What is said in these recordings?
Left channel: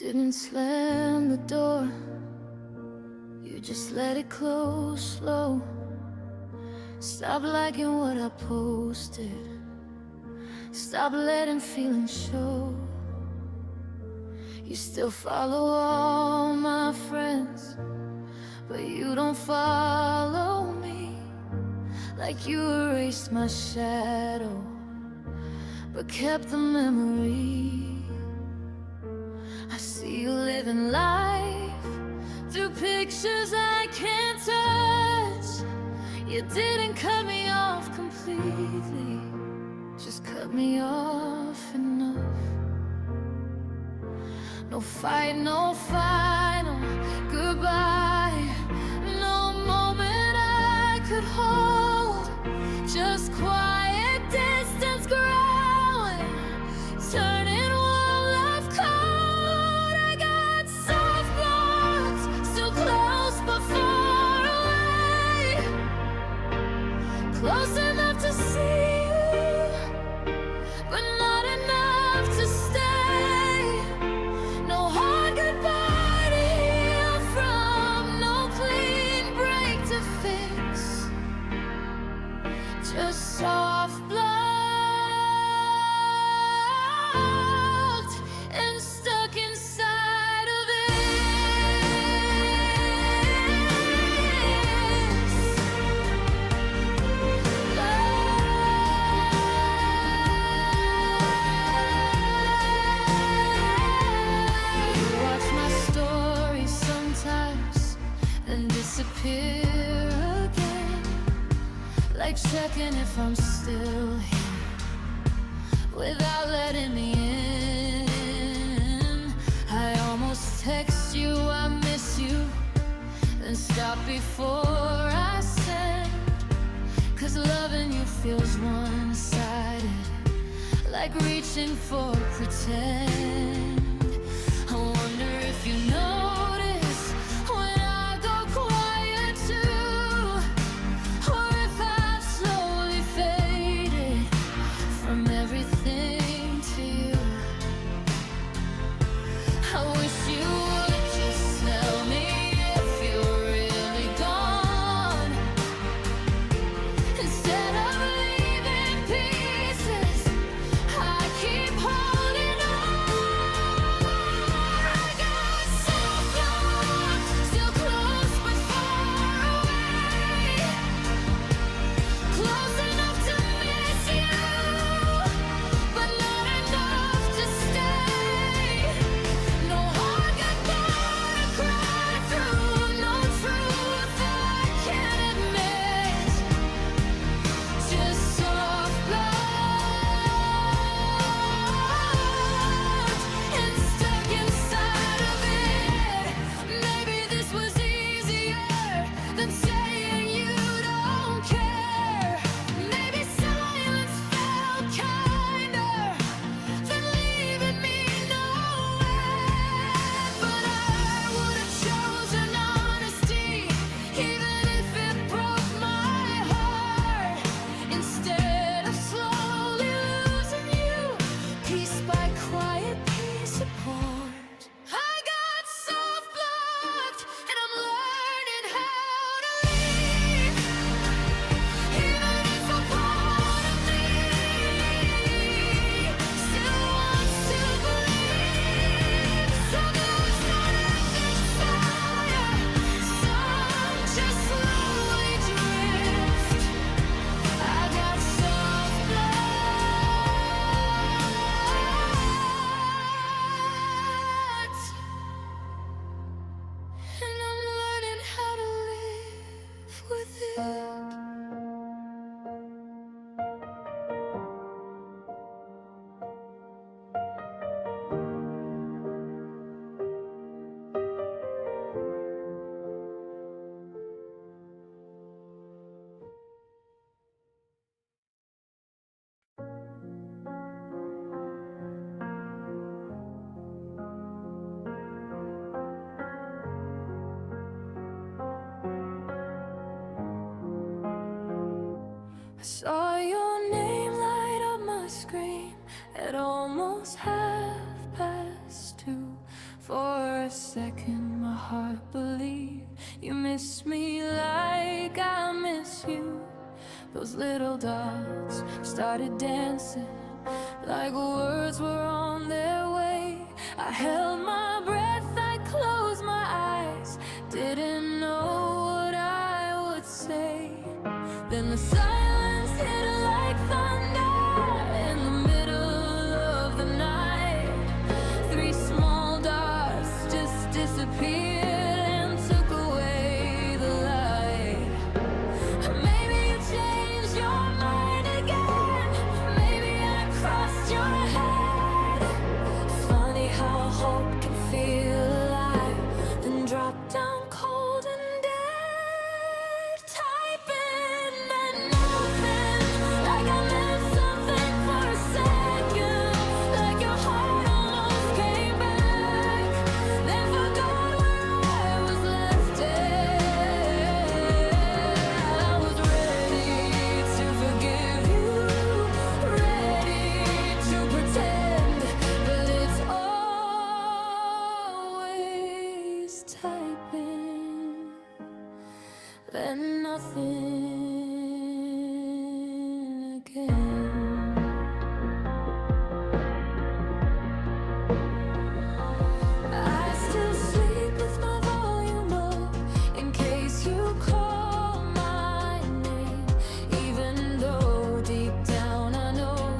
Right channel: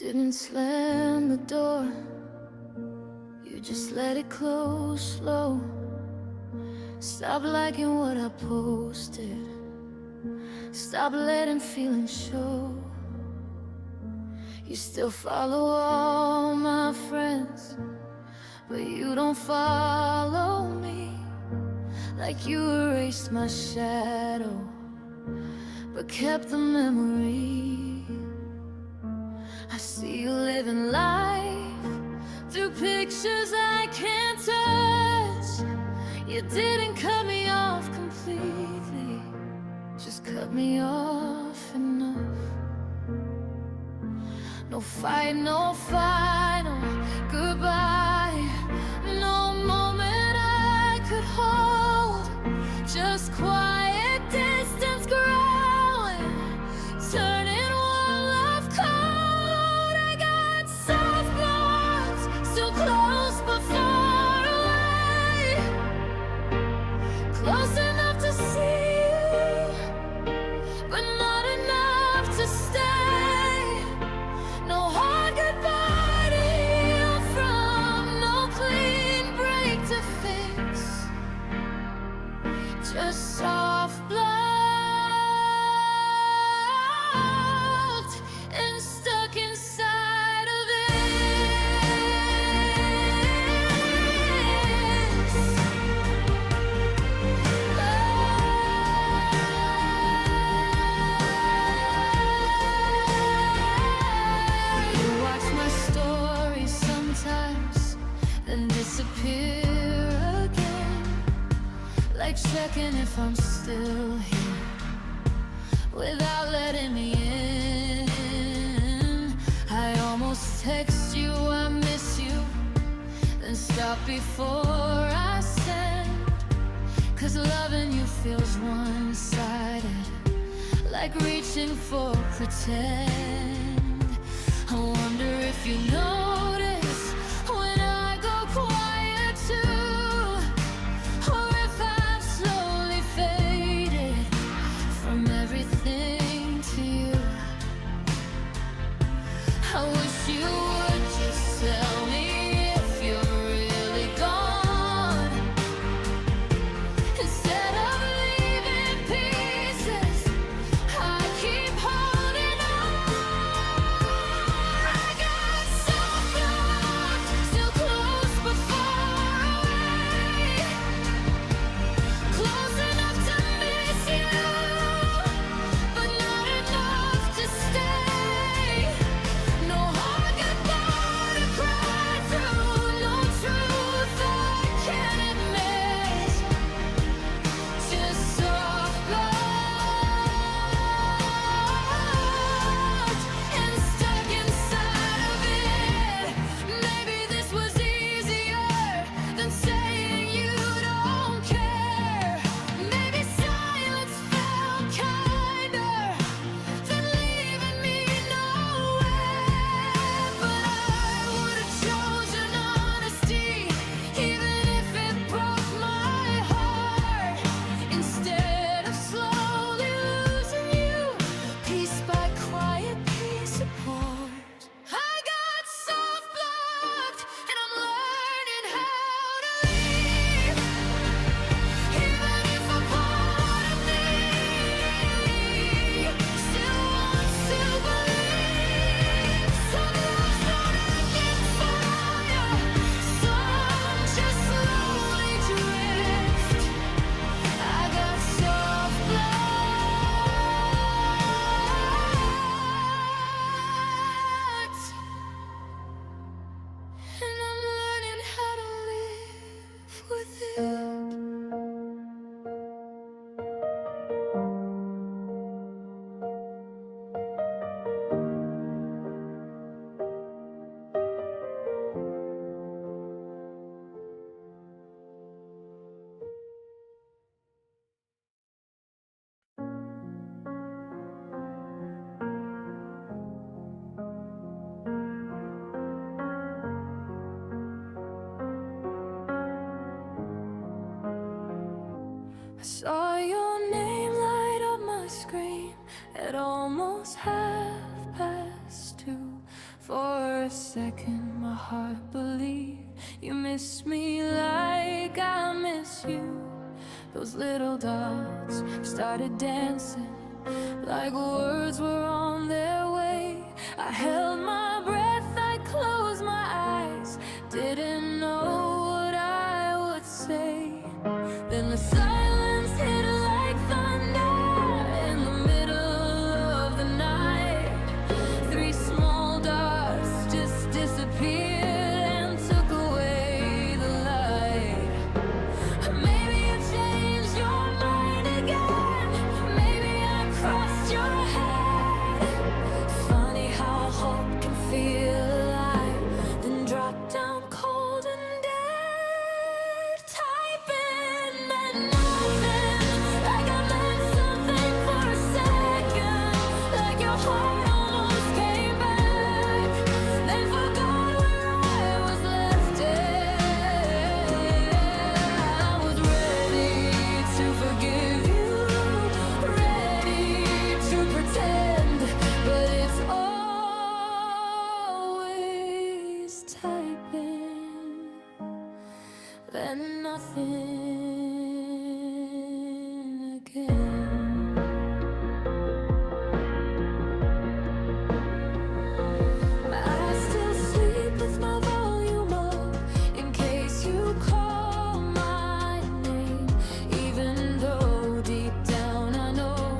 didn't slam the door, you just let it close slow. Stop liking what I posted, stop letting feelings show. You still follow all my friends, but you don't follow me. Like you erased my shadow, but kept the memory. I see you living life through pictures I can't touch. You didn't cut me off completely, just cut me off enough. No fight, no final goodbye, no moment I could hold. Just quiet distance growing, turning warm love cold. I got soft blocks, still close but far away. Close enough to see you, but not enough to stay. No hard goodbye to heal from, no clean break to fix. Just soft blocked and stuck inside of this. You watch my stories sometimes, then disappear again. Like checking if I'm still here, without letting me in. I almost text you, I miss you, then stop before I send. Cause loving you feels one-sided, like reaching for pretend. I wonder if you notice when I go quiet too, or if I've slowly faded from everything to you. I wish you would just tell me if you're really gone, instead of leaving pieces I keep holding on. I got soft blocked, still close but far away. Close enough to miss you, but not enough to stay. No hard goodbye to cry through, no truth I can't admit. Just soft blocked and stuck inside of it. Maybe this was easier than saying you don't care. Maybe silence felt kinder than leaving me nowhere. But I would have chosen honesty, even if it broke my heart. Instead of slowly losing you, piece by quiet piece apart. I got soft blocked and I'm learning how to leave, even if a part of me still wants to believe. Some loves don't end in fire, some just slowly drift. I got soft blocked, and I'm learning how to live with it. I saw your name light up my screen at almost 2:30. For a second my heart believed you miss me like I miss you. Those little dots started dancing like words were on their way. I held my breath, I closed my eyes, didn't know what I would say. Then the silence hit like thunder in the middle of the night. Three small dots just disappeared and took away the light. Maybe you changed your mind again, maybe I crossed your head. Funny how hope can feel alive, then drop down cold and dead. Typing that nothing, like I meant something for a second, like your heart almost came back, then forgot where I was left at. I was ready to forgive you, ready to pretend, but it's always typing, then nothing again. I still sleep with my volume up in case you call my name, even though deep down I know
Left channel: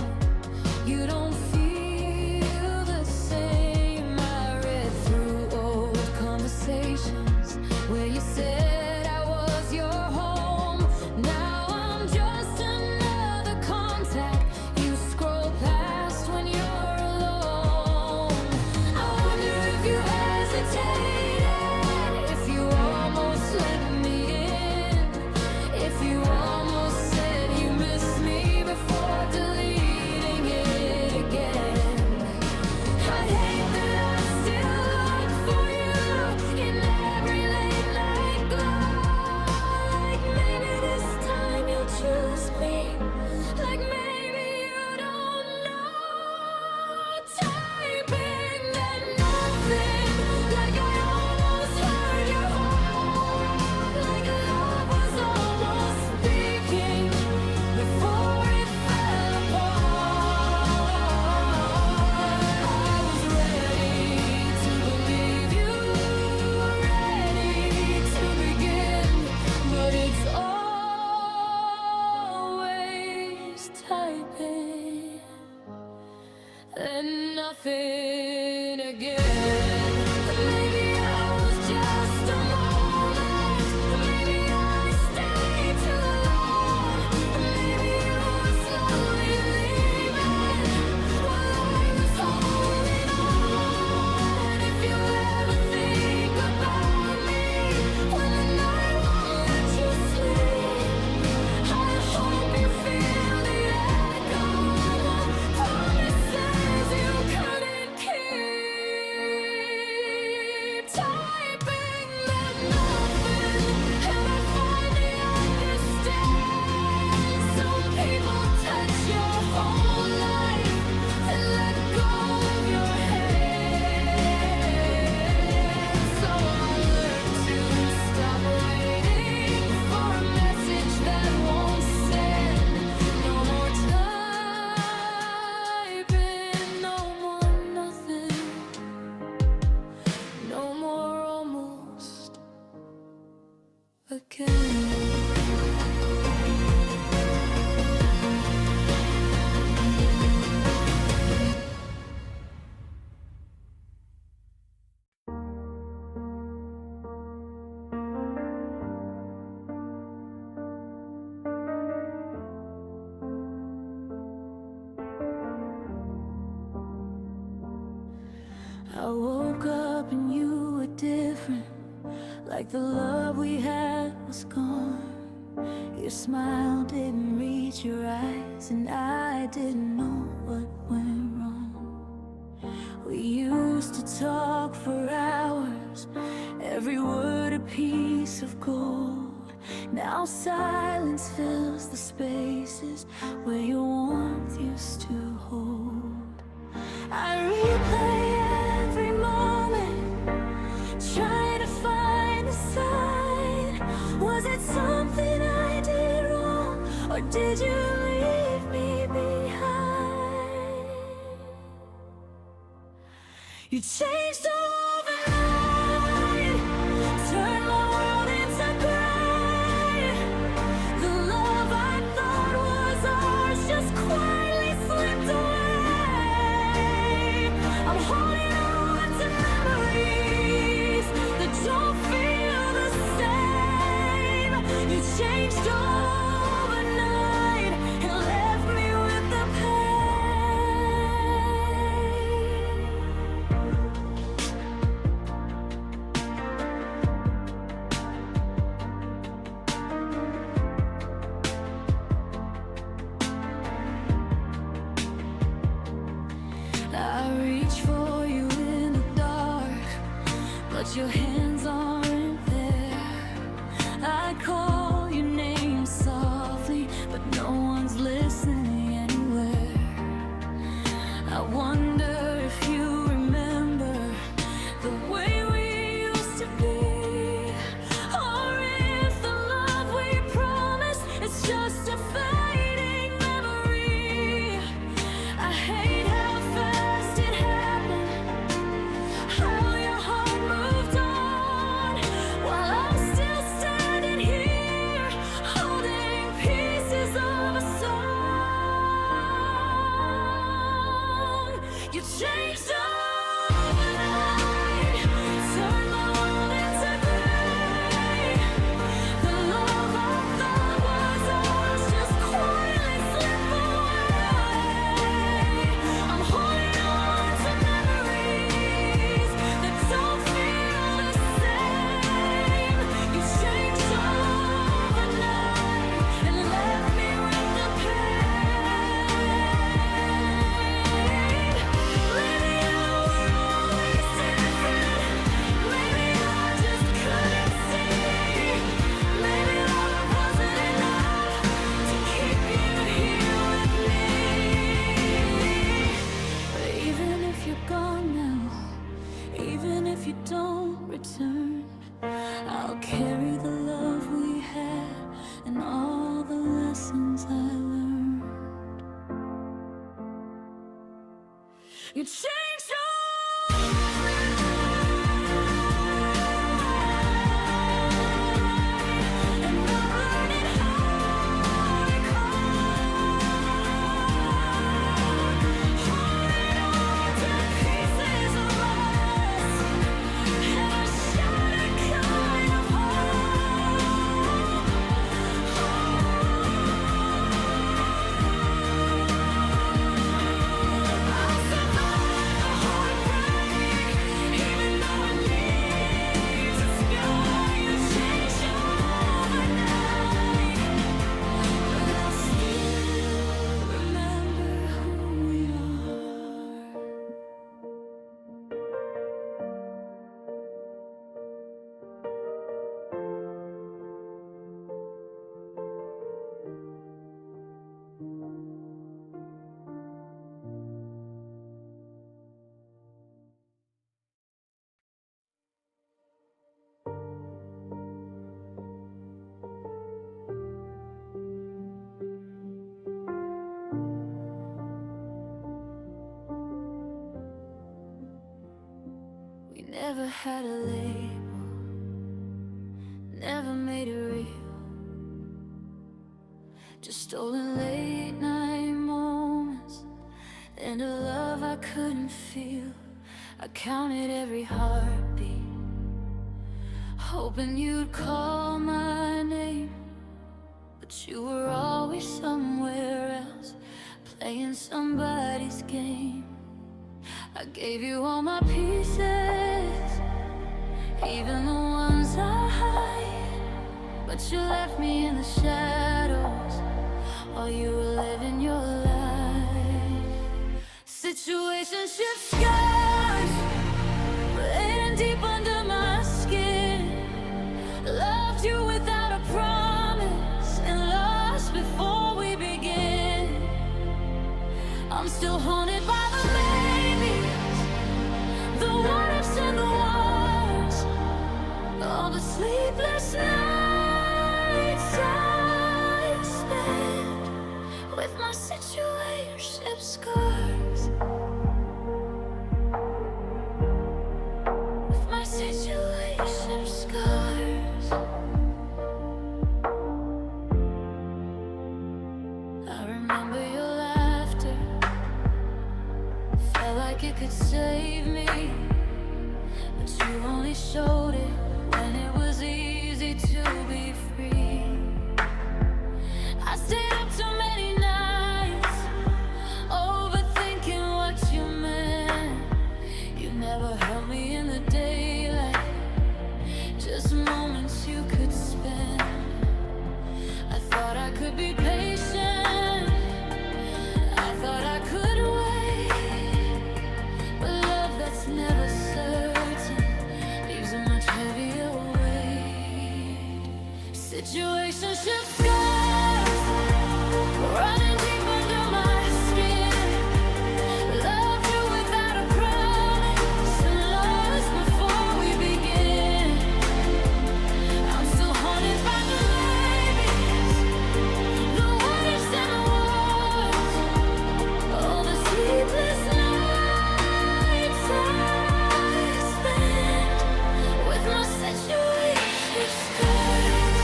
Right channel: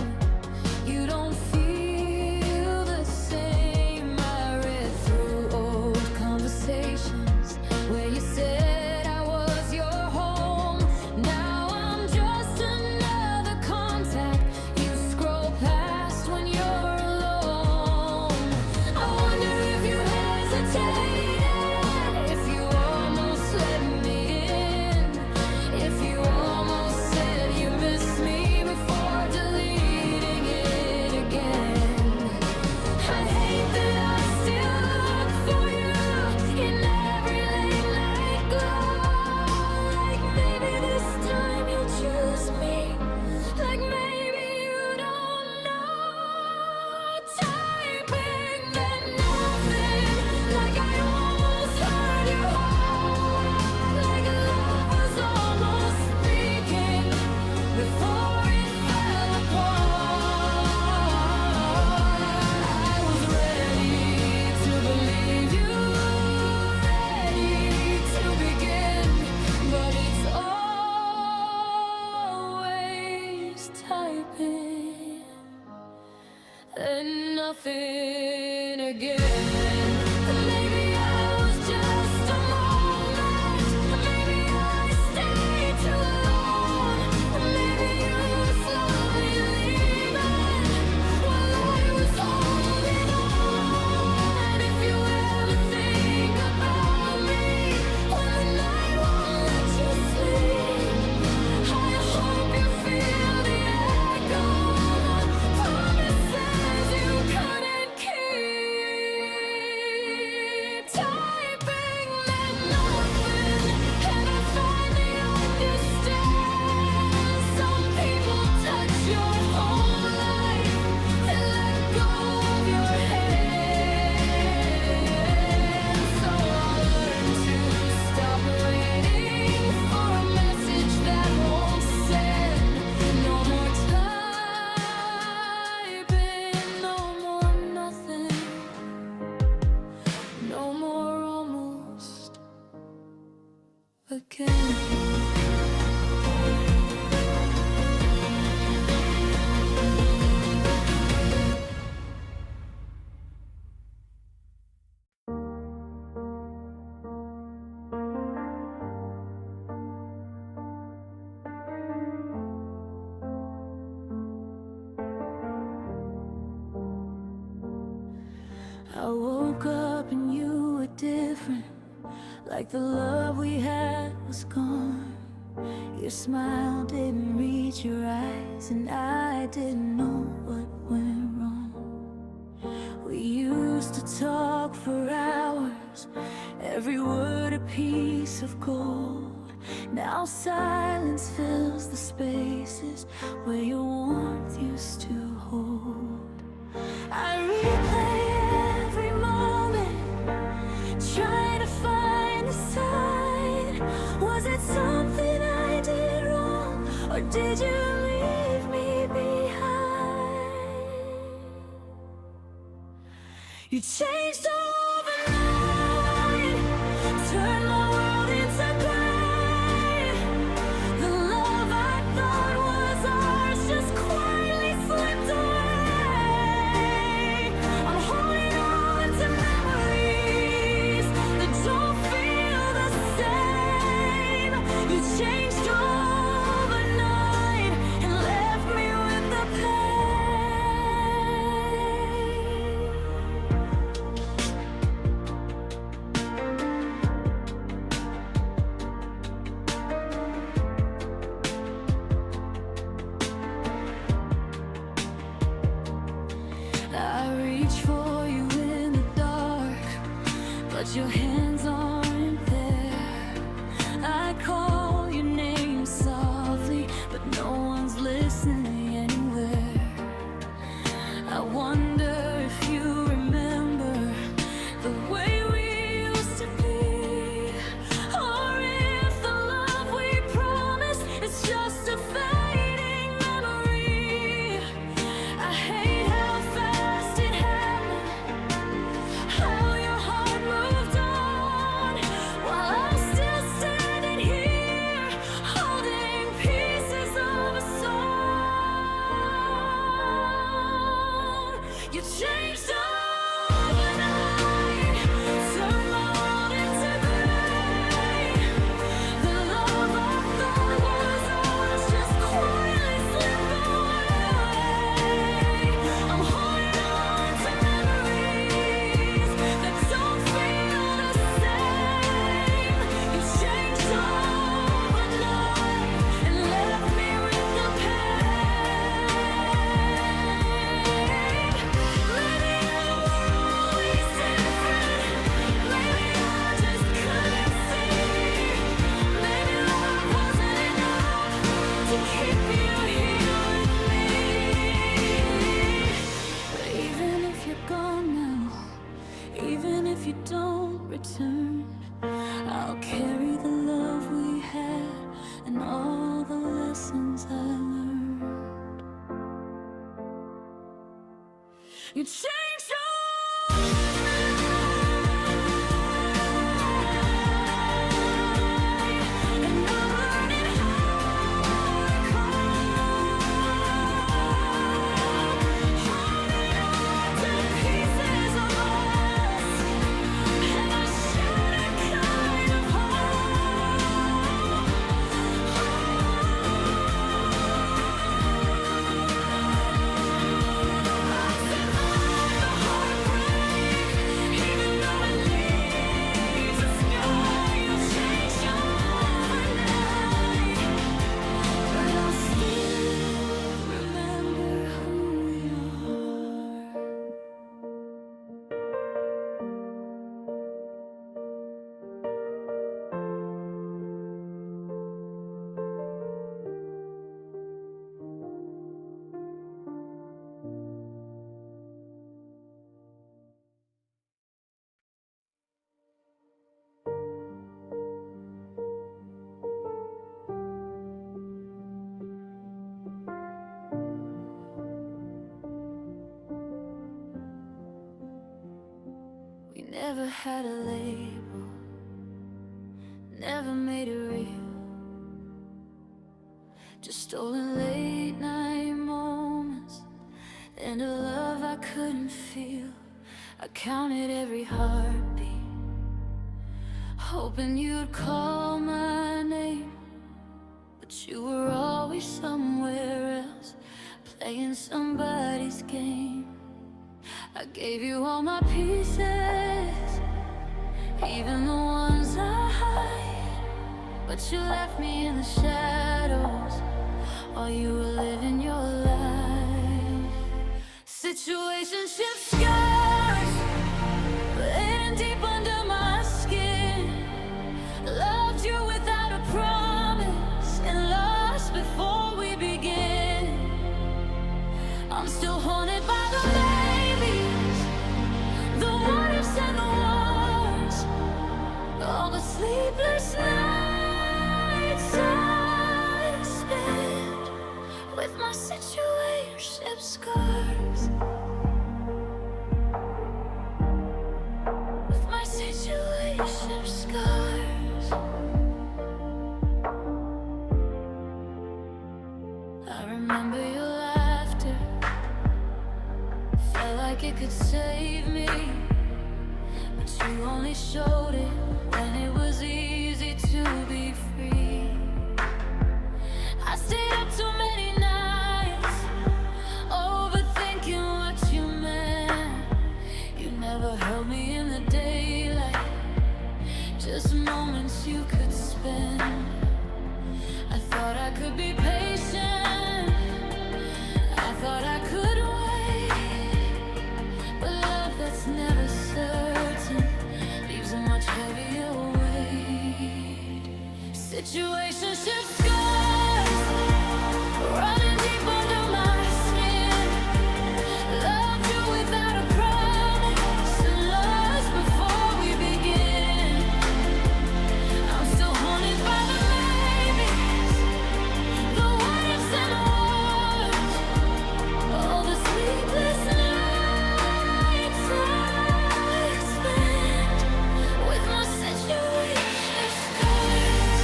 you don't feel the same. I read through old conversations where you said I was your home. Now I'm just another contact you scroll past when you're alone. I wonder if you hesitated, if you almost let me in, if you almost said you miss me before deleting it again. I hate that I still look for you in every late night glow. Like maybe this time you'll choose me, like maybe you don't know. Typing that nothing, like I almost heard your heart, like love was almost speaking before it fell apart. I was ready to believe you, ready to begin, but it's always typing and nothing again. Maybe I was just a moment, maybe I stayed too long, maybe you were slowly leaving while I was holding on. If you ever think about me when the night won't let you sleep, I hope you feel the echo of promises you couldn't keep. Typing that nothing, and I finally understand. Some people touch your whole life to let go of your hand. So I learned to stop waiting for a message that won't send. No more typing, no more nothing, no more almost again. I woke up and you were different, like the love we had was gone. Your smile didn't reach your eyes, and I didn't know what went wrong. We used to talk for hours, every word a piece of gold. Now silence fills the spaces where your warmth used to hold. I replay every moment Was it something I did wrong, or did you leave me behind? You changed overnight, turned my world into gray. The love I thought was ours just quietly slipped away. I'm holding on to memories that don't feel the same. You changed overnight and left me with the pain. I reach for you in the dark, but your hands aren't there. I call your name softly, but no one's listening anywhere. I wonder if you remember the way we used to be, or if the love we promised is just a fading memory. I hate how fast it happened, how your heart moved on, while I'm still standing here, holding pieces of a song. You changed overnight, turned my world into gray. The love I thought was ours just quietly slipped away. I'm holding on to memories that don't feel the same. You changed overnight and left me with the pain. Maybe you were always different. Maybe I just couldn't see. Maybe love wasn't enough to keep you here with me. But even if you're gone now, even if you don't return, I'll carry the love we had and all the lessons I learned. You changed overnight, and I'm learning how to cope, holding on to pieces of us and a shattered kind of hope. I survived the heartbreak, even though it leaves a scar. You changed overnight, but I'll still remember who we are. We never had a label, never made it real, just stolen late night moments and a love I couldn't feel. I counted every heartbeat, hoping you'd call my name, but you were always somewhere else, playing somebody's game. I gave you all my pieces, even the ones I hide, but you left me in the shadows while you were living your life. Situationship scars, hidden deep under my skin. Loved you without a promise and lost before we begin. I'm still haunted by the maybes, the what ifs and the wars, all the sleepless nights. relationship scars. I remember your laughter, felt like it could save me, but you only showed it when it was easy to be free. I stayed up too many nights, overthinking what you meant. You never held me in the daylight, just moments you could spend. I thought I could be patient, I thought I could wait, but love that's never certain leaves a much heavier weight. Situationship scars running deep under my skin. Loved you without a promise and lost before we begin. I'm still haunted by the maybes, the what ifs and the whats, all the sleepless nights I spent with my situationship scars.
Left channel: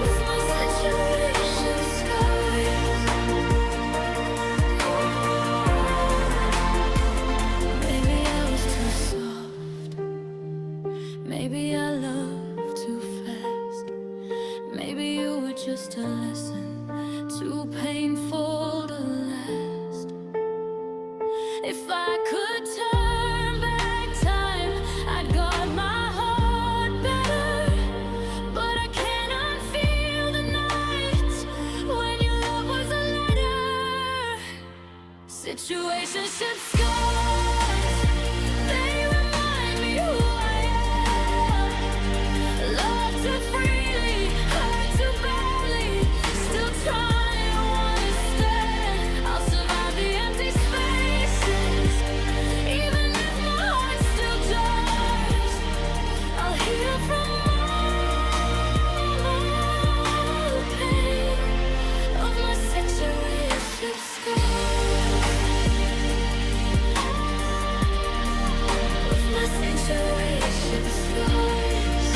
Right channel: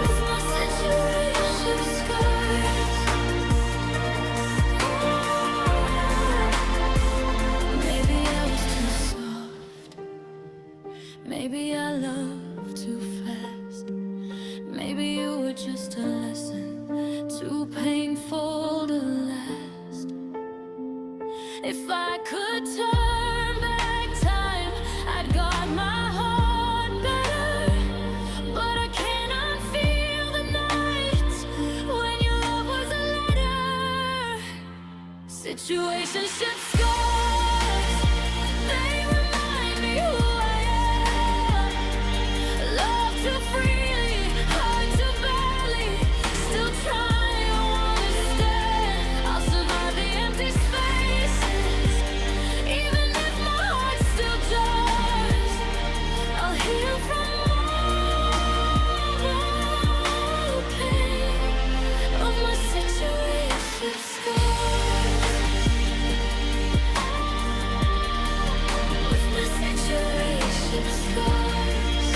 With my situationship scars. Maybe I was too soft, maybe I loved too fast, maybe you were just a lesson too painful to last. If I could turn back time, I'd guard my heart better, but I can't unfeel the nights when your love was a letter. Situationship scars, they remind me who I am. Love too freely, hurt too badly, still trying to understand. I'll survive the empty spaces, even if my heart still does. I'll heal from all the pain of my situationship scars. With my situationship scars.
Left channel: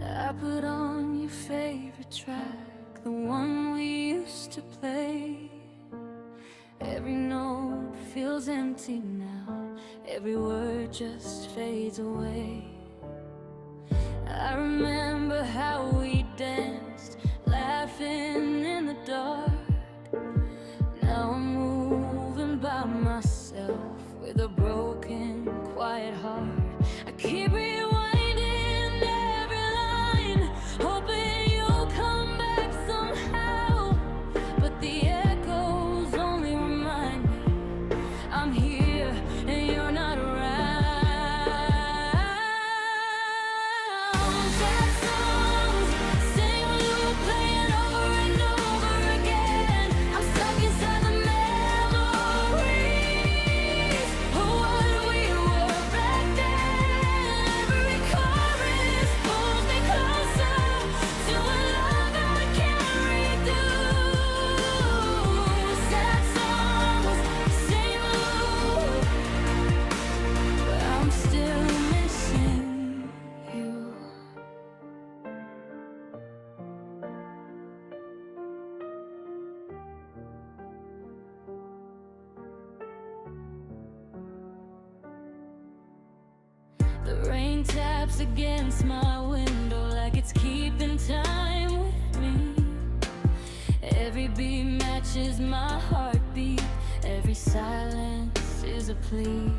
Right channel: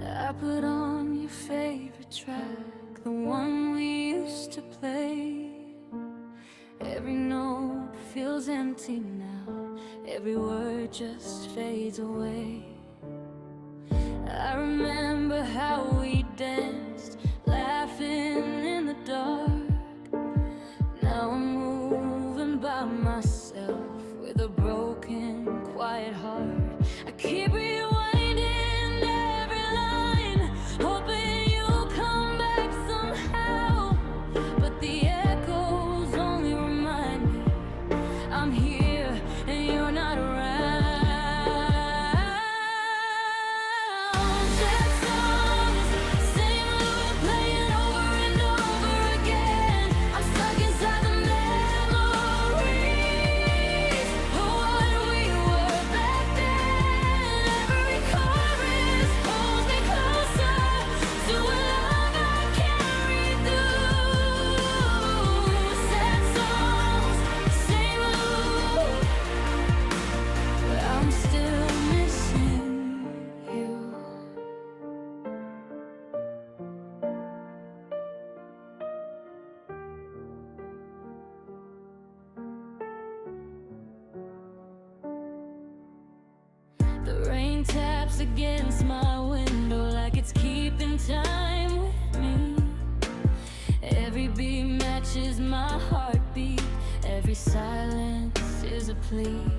I put on your favorite track, the one we used to play. Every note feels empty now, every word just fades away. I remember how we danced, laughing in the dark. Now I'm moving by myself with a broken, quiet heart. I keep rewinding every line, hoping you'll come back somehow, but the echoes only remind me I'm here and you're not around. Sad songs, same loop playing over and over again. I'm stuck inside the memories of what we were back then. Every chorus pulls me closer to a love I can't read through. Sad songs, same loop, but I'm still missing you. The rain taps against my window like it's keeping time with me. Every beat matches my heartbeat, every silence is a plea.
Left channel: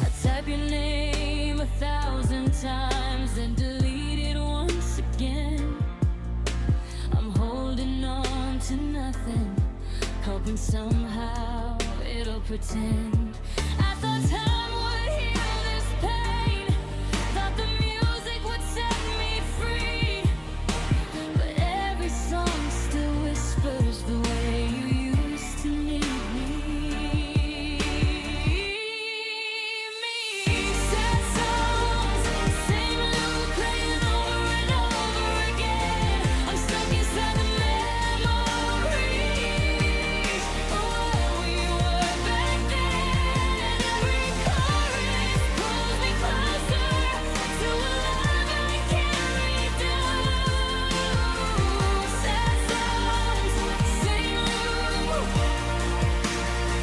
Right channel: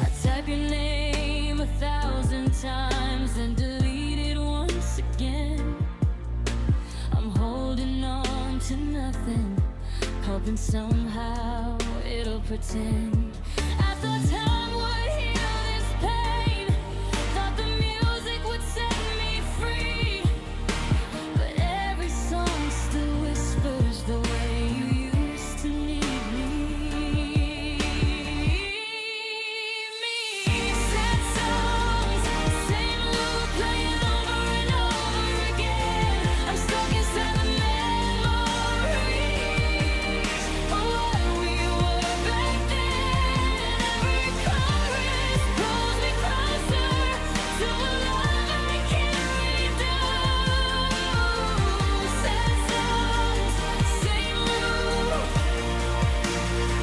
I type your name 1,000 times and delete it once again. hoping somehow it'll pretend. I thought time would heal this pain, thought the music would set me free, but every song still whispers the way you used to need me. Sad songs, same loop playing over and over again. I'm stuck inside the memories of what we were back then. Every chorus pulls me closer to a love I can't redo. Sad songs, same loop,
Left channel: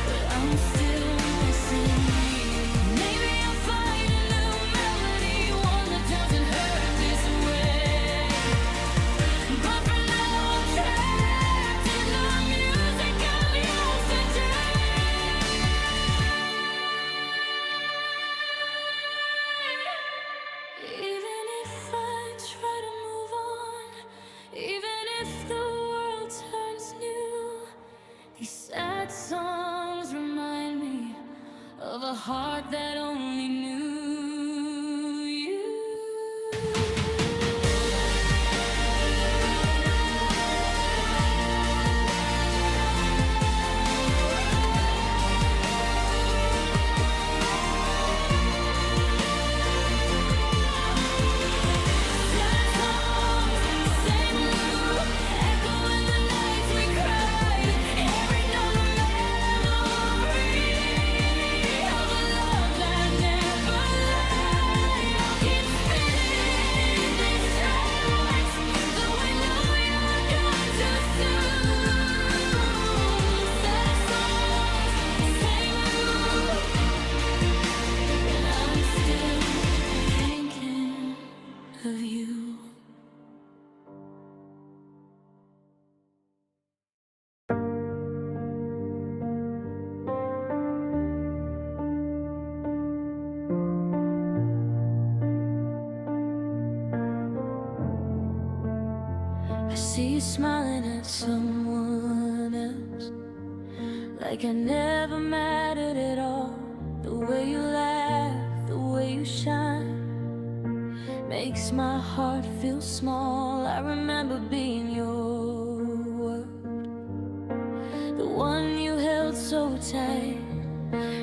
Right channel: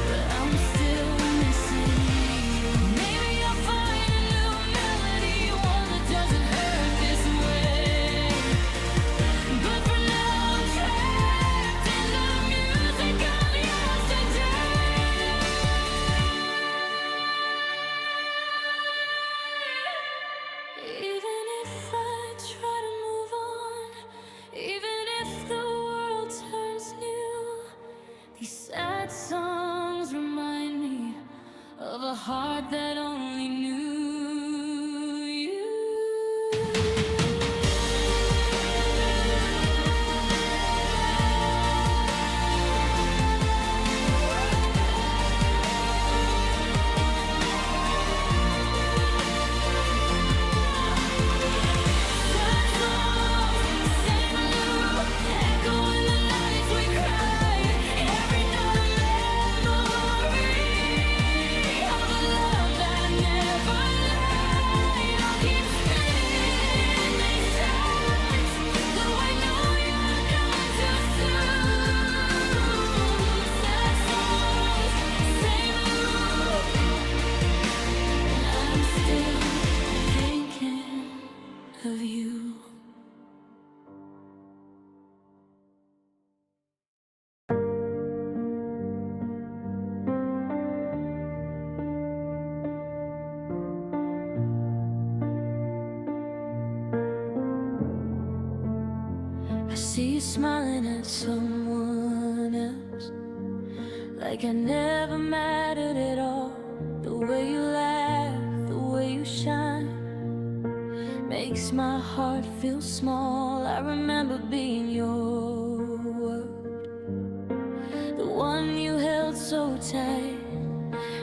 but I'm still missing you. Maybe I'll find a new melody, one that doesn't hurt this way. But for now I'm trapped in the music of yesterday. Even if I try to move on, even if the world turns new, these sad songs remind me of a heart that only knew you. Sad songs, same loop, echo in the nights we cried. Every note a memory of a love that never lied. I'll keep spinning these tracks, though I know you're gone too soon. Sad songs, same loop, and I'm still thinking of you. I see you smiling at someone else, like I never mattered at all. The way you laugh, the way you shine, makes my heart feel small. I remember being your world, the one you held so tight.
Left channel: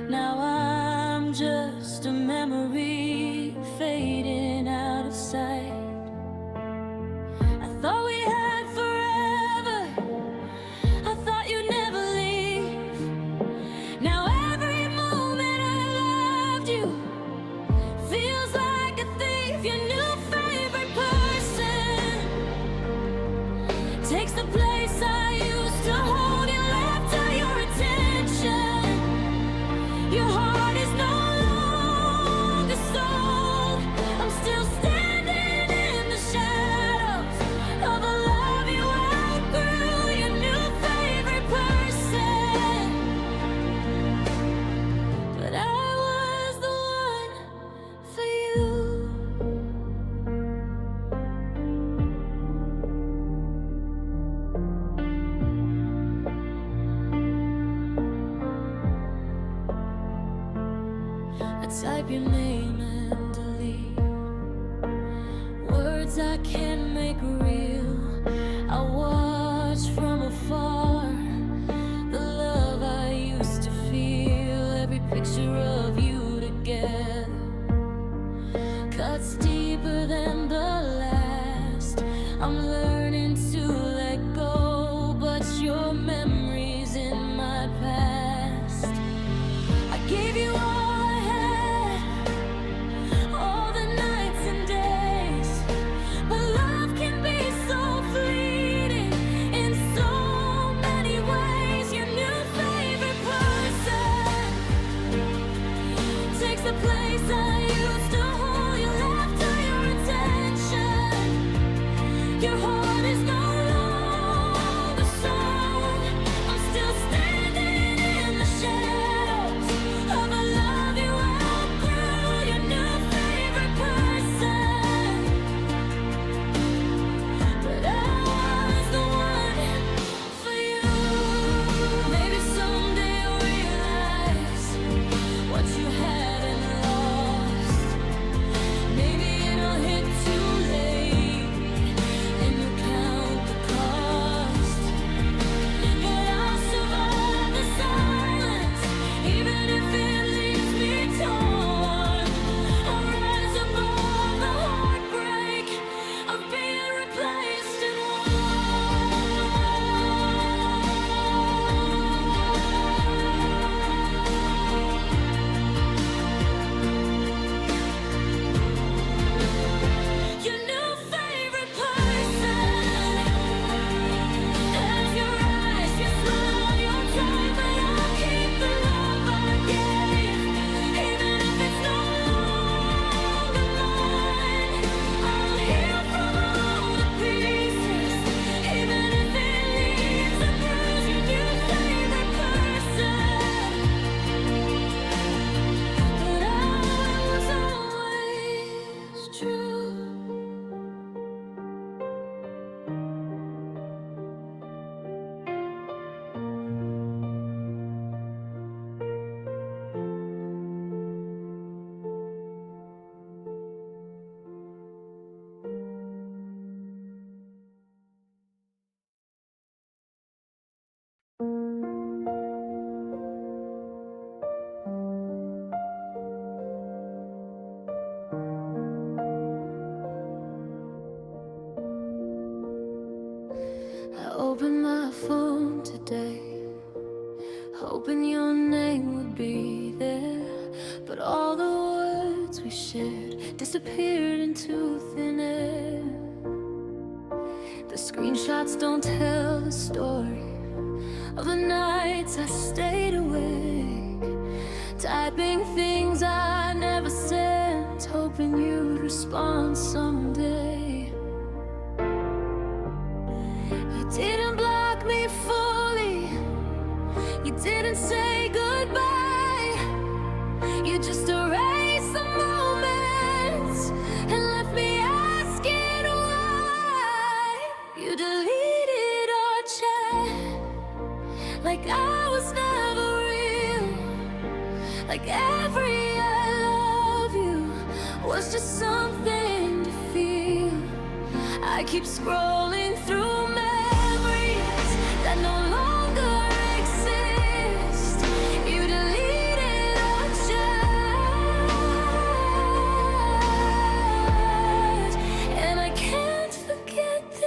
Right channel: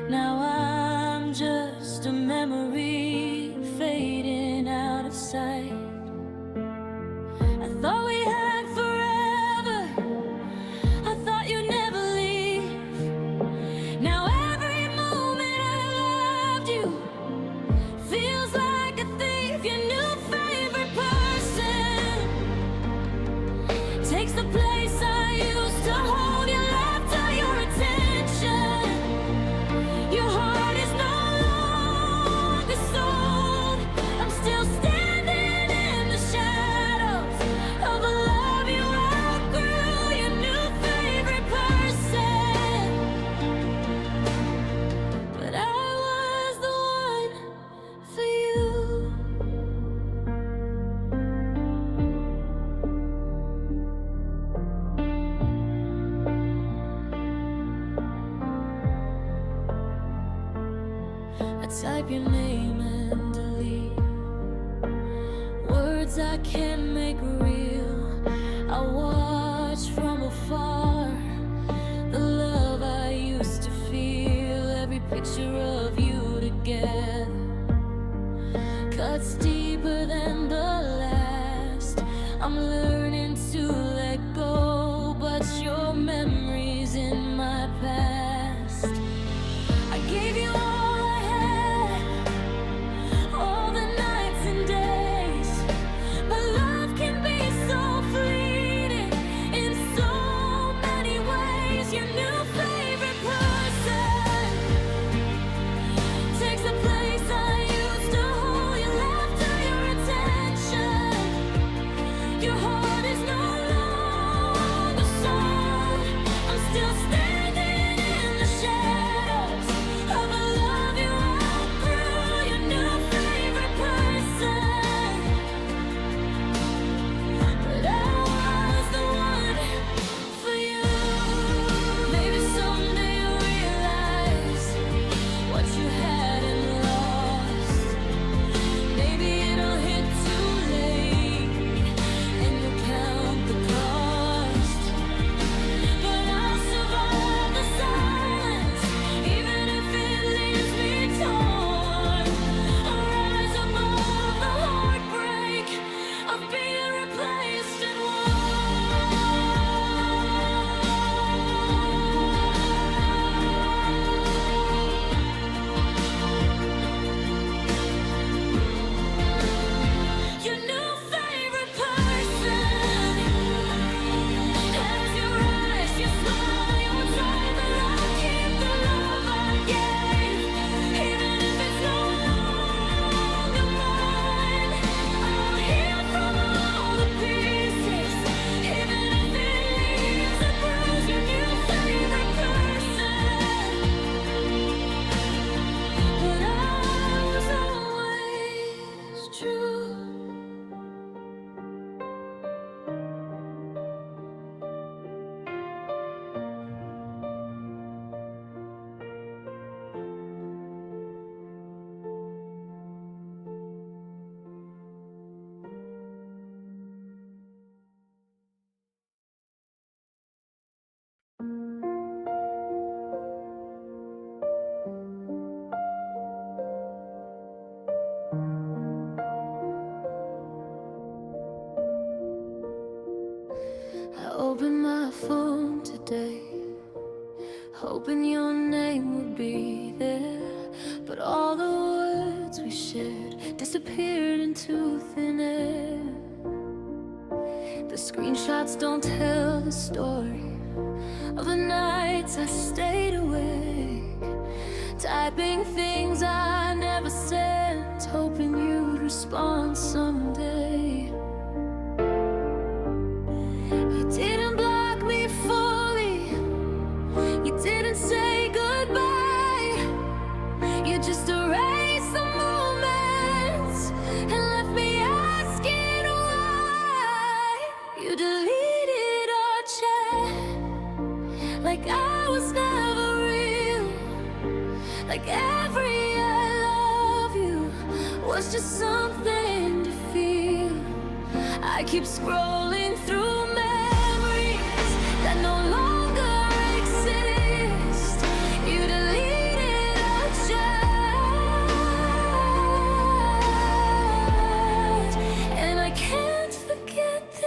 Now I'm just a memory fading out of sight. I thought we had forever, I thought you'd never leave. Now every moment I loved you feels like a thief. Your new favorite person takes the place I used to hold. Your laughter, your attention, your heart is no longer sold. I'm still standing in the shadows of a love you outgrew. Your new favorite person, but I was the one for you. I type your name and delete words I can't make real. I watch from afar the love I used to feel. Every picture of you together cuts deeper than the last. I'm learning to let go, but your memory's in my past. I gave you all I had, all the nights and days, but love can be so fleeting in so many ways. Your new favorite person takes the place I used to hold. Your laughter, your attention, your heart is no longer sold. I'm still standing in the shadows of a love you outgrew. Your new favorite person, but I was the one for you. Maybe opened my phone today, hoping your name would be there, but all the words we shared disappeared into thin air. The screenshots don't tell the story of the nights I stayed awake, typing things I never sent, hoping you'd respond someday. You didn't block me fully, you didn't say goodbye, you just erased the moments and left me asking why. You deleted our chat like I was never real, like every I love you was just something to feel. I keep scrolling through memories that no longer exist. You deleted our chat, and I can't forget this.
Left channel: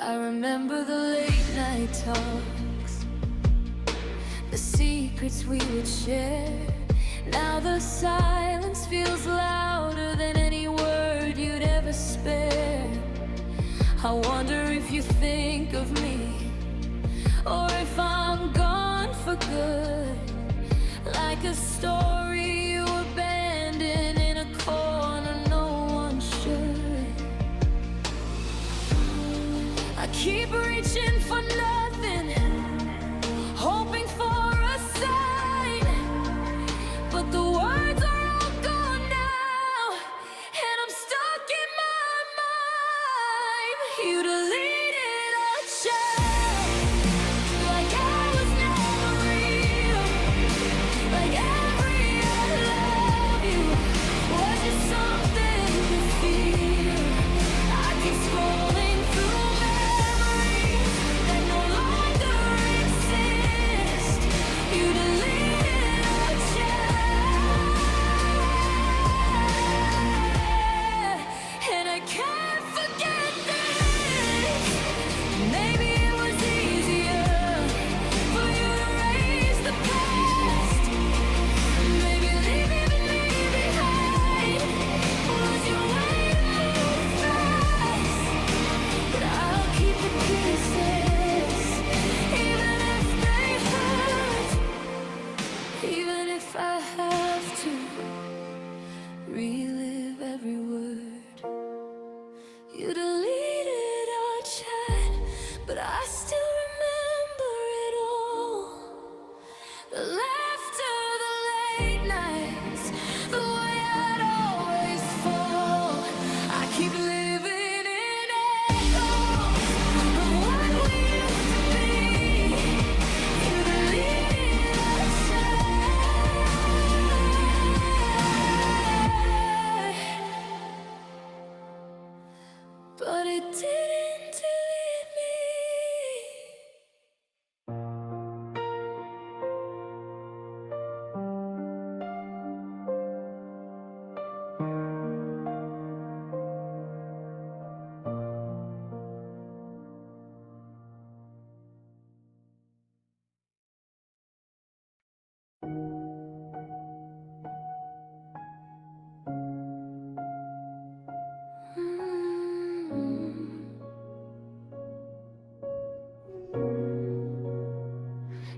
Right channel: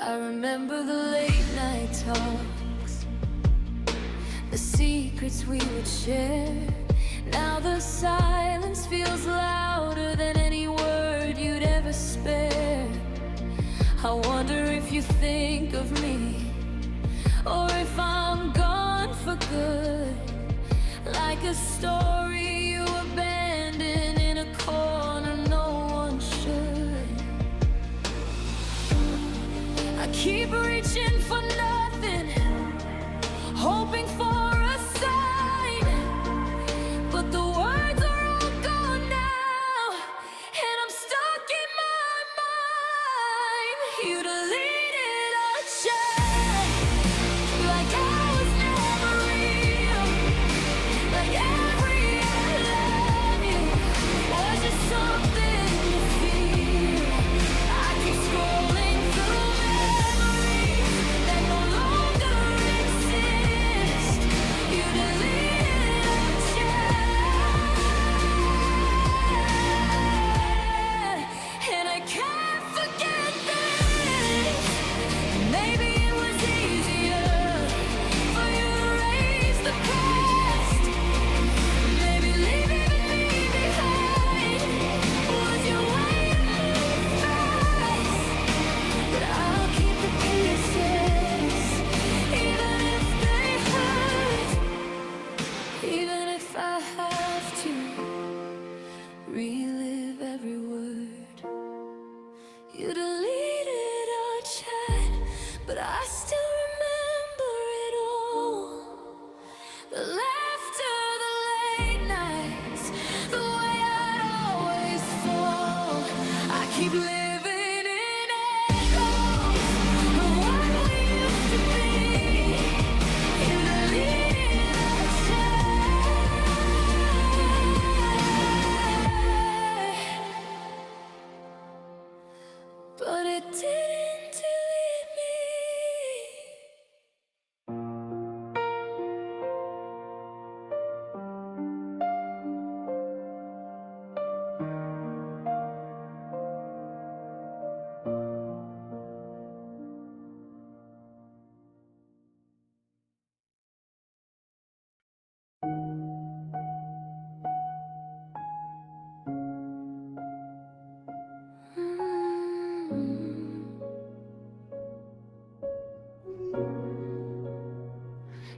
I remember the late night talks, the secrets we would share. Now the silence feels louder than any word you'd ever spare. I wonder if you think of me, or if I'm gone for good, like a story you abandoned in a corner no one should. I keep reaching for nothing, hoping for a sign, but the words are all gone now, and I'm stuck in my mind. You deleted our chat like I was never real, like every I love you was just something to feel. I keep scrolling through memories that no longer exist. You deleted our chat, and I can't forget this. Maybe it was easier for you to erase the past. Maybe leaving me behind was your way to move fast. But I'll keep the pieces, even if they hurt, even if I have to relive every word. You deleted our chat, but I still remember it all. The laughter, the late nights, the way I'd always fall. I keep living in echoes of what we used to be. You deleted our chat, but it didn't delete me.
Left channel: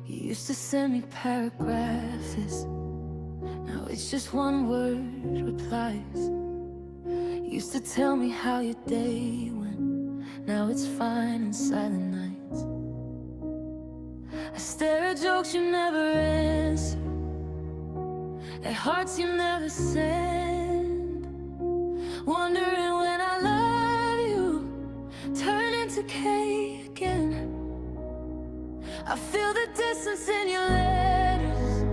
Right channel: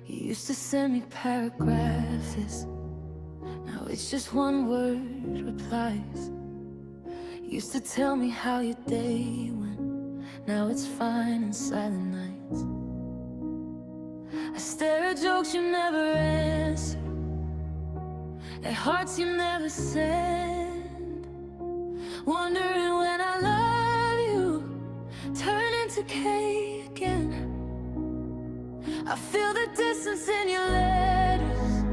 You used to send me paragraphs, now it's just one word replies. Used to tell me how your day went, now it's fine in silent nights. I stare at jokes you never answer, at hearts you never send, wondering when I love you turn into K again. I feel the distance in your letters,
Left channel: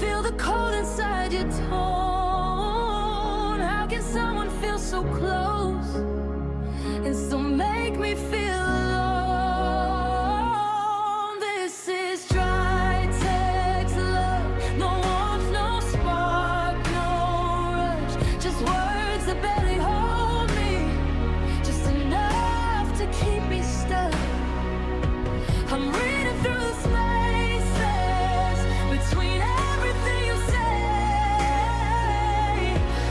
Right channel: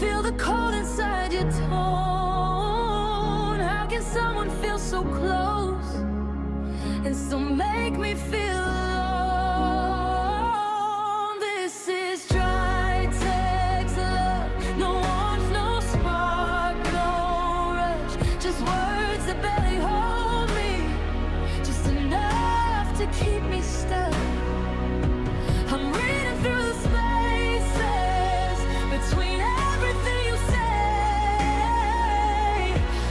feel the cold inside your tone. How can someone feel so close and still make me feel alone? This is dry. Just words that barely hold me, just enough to keep me stuck. I'm reading through the spaces between everything you say.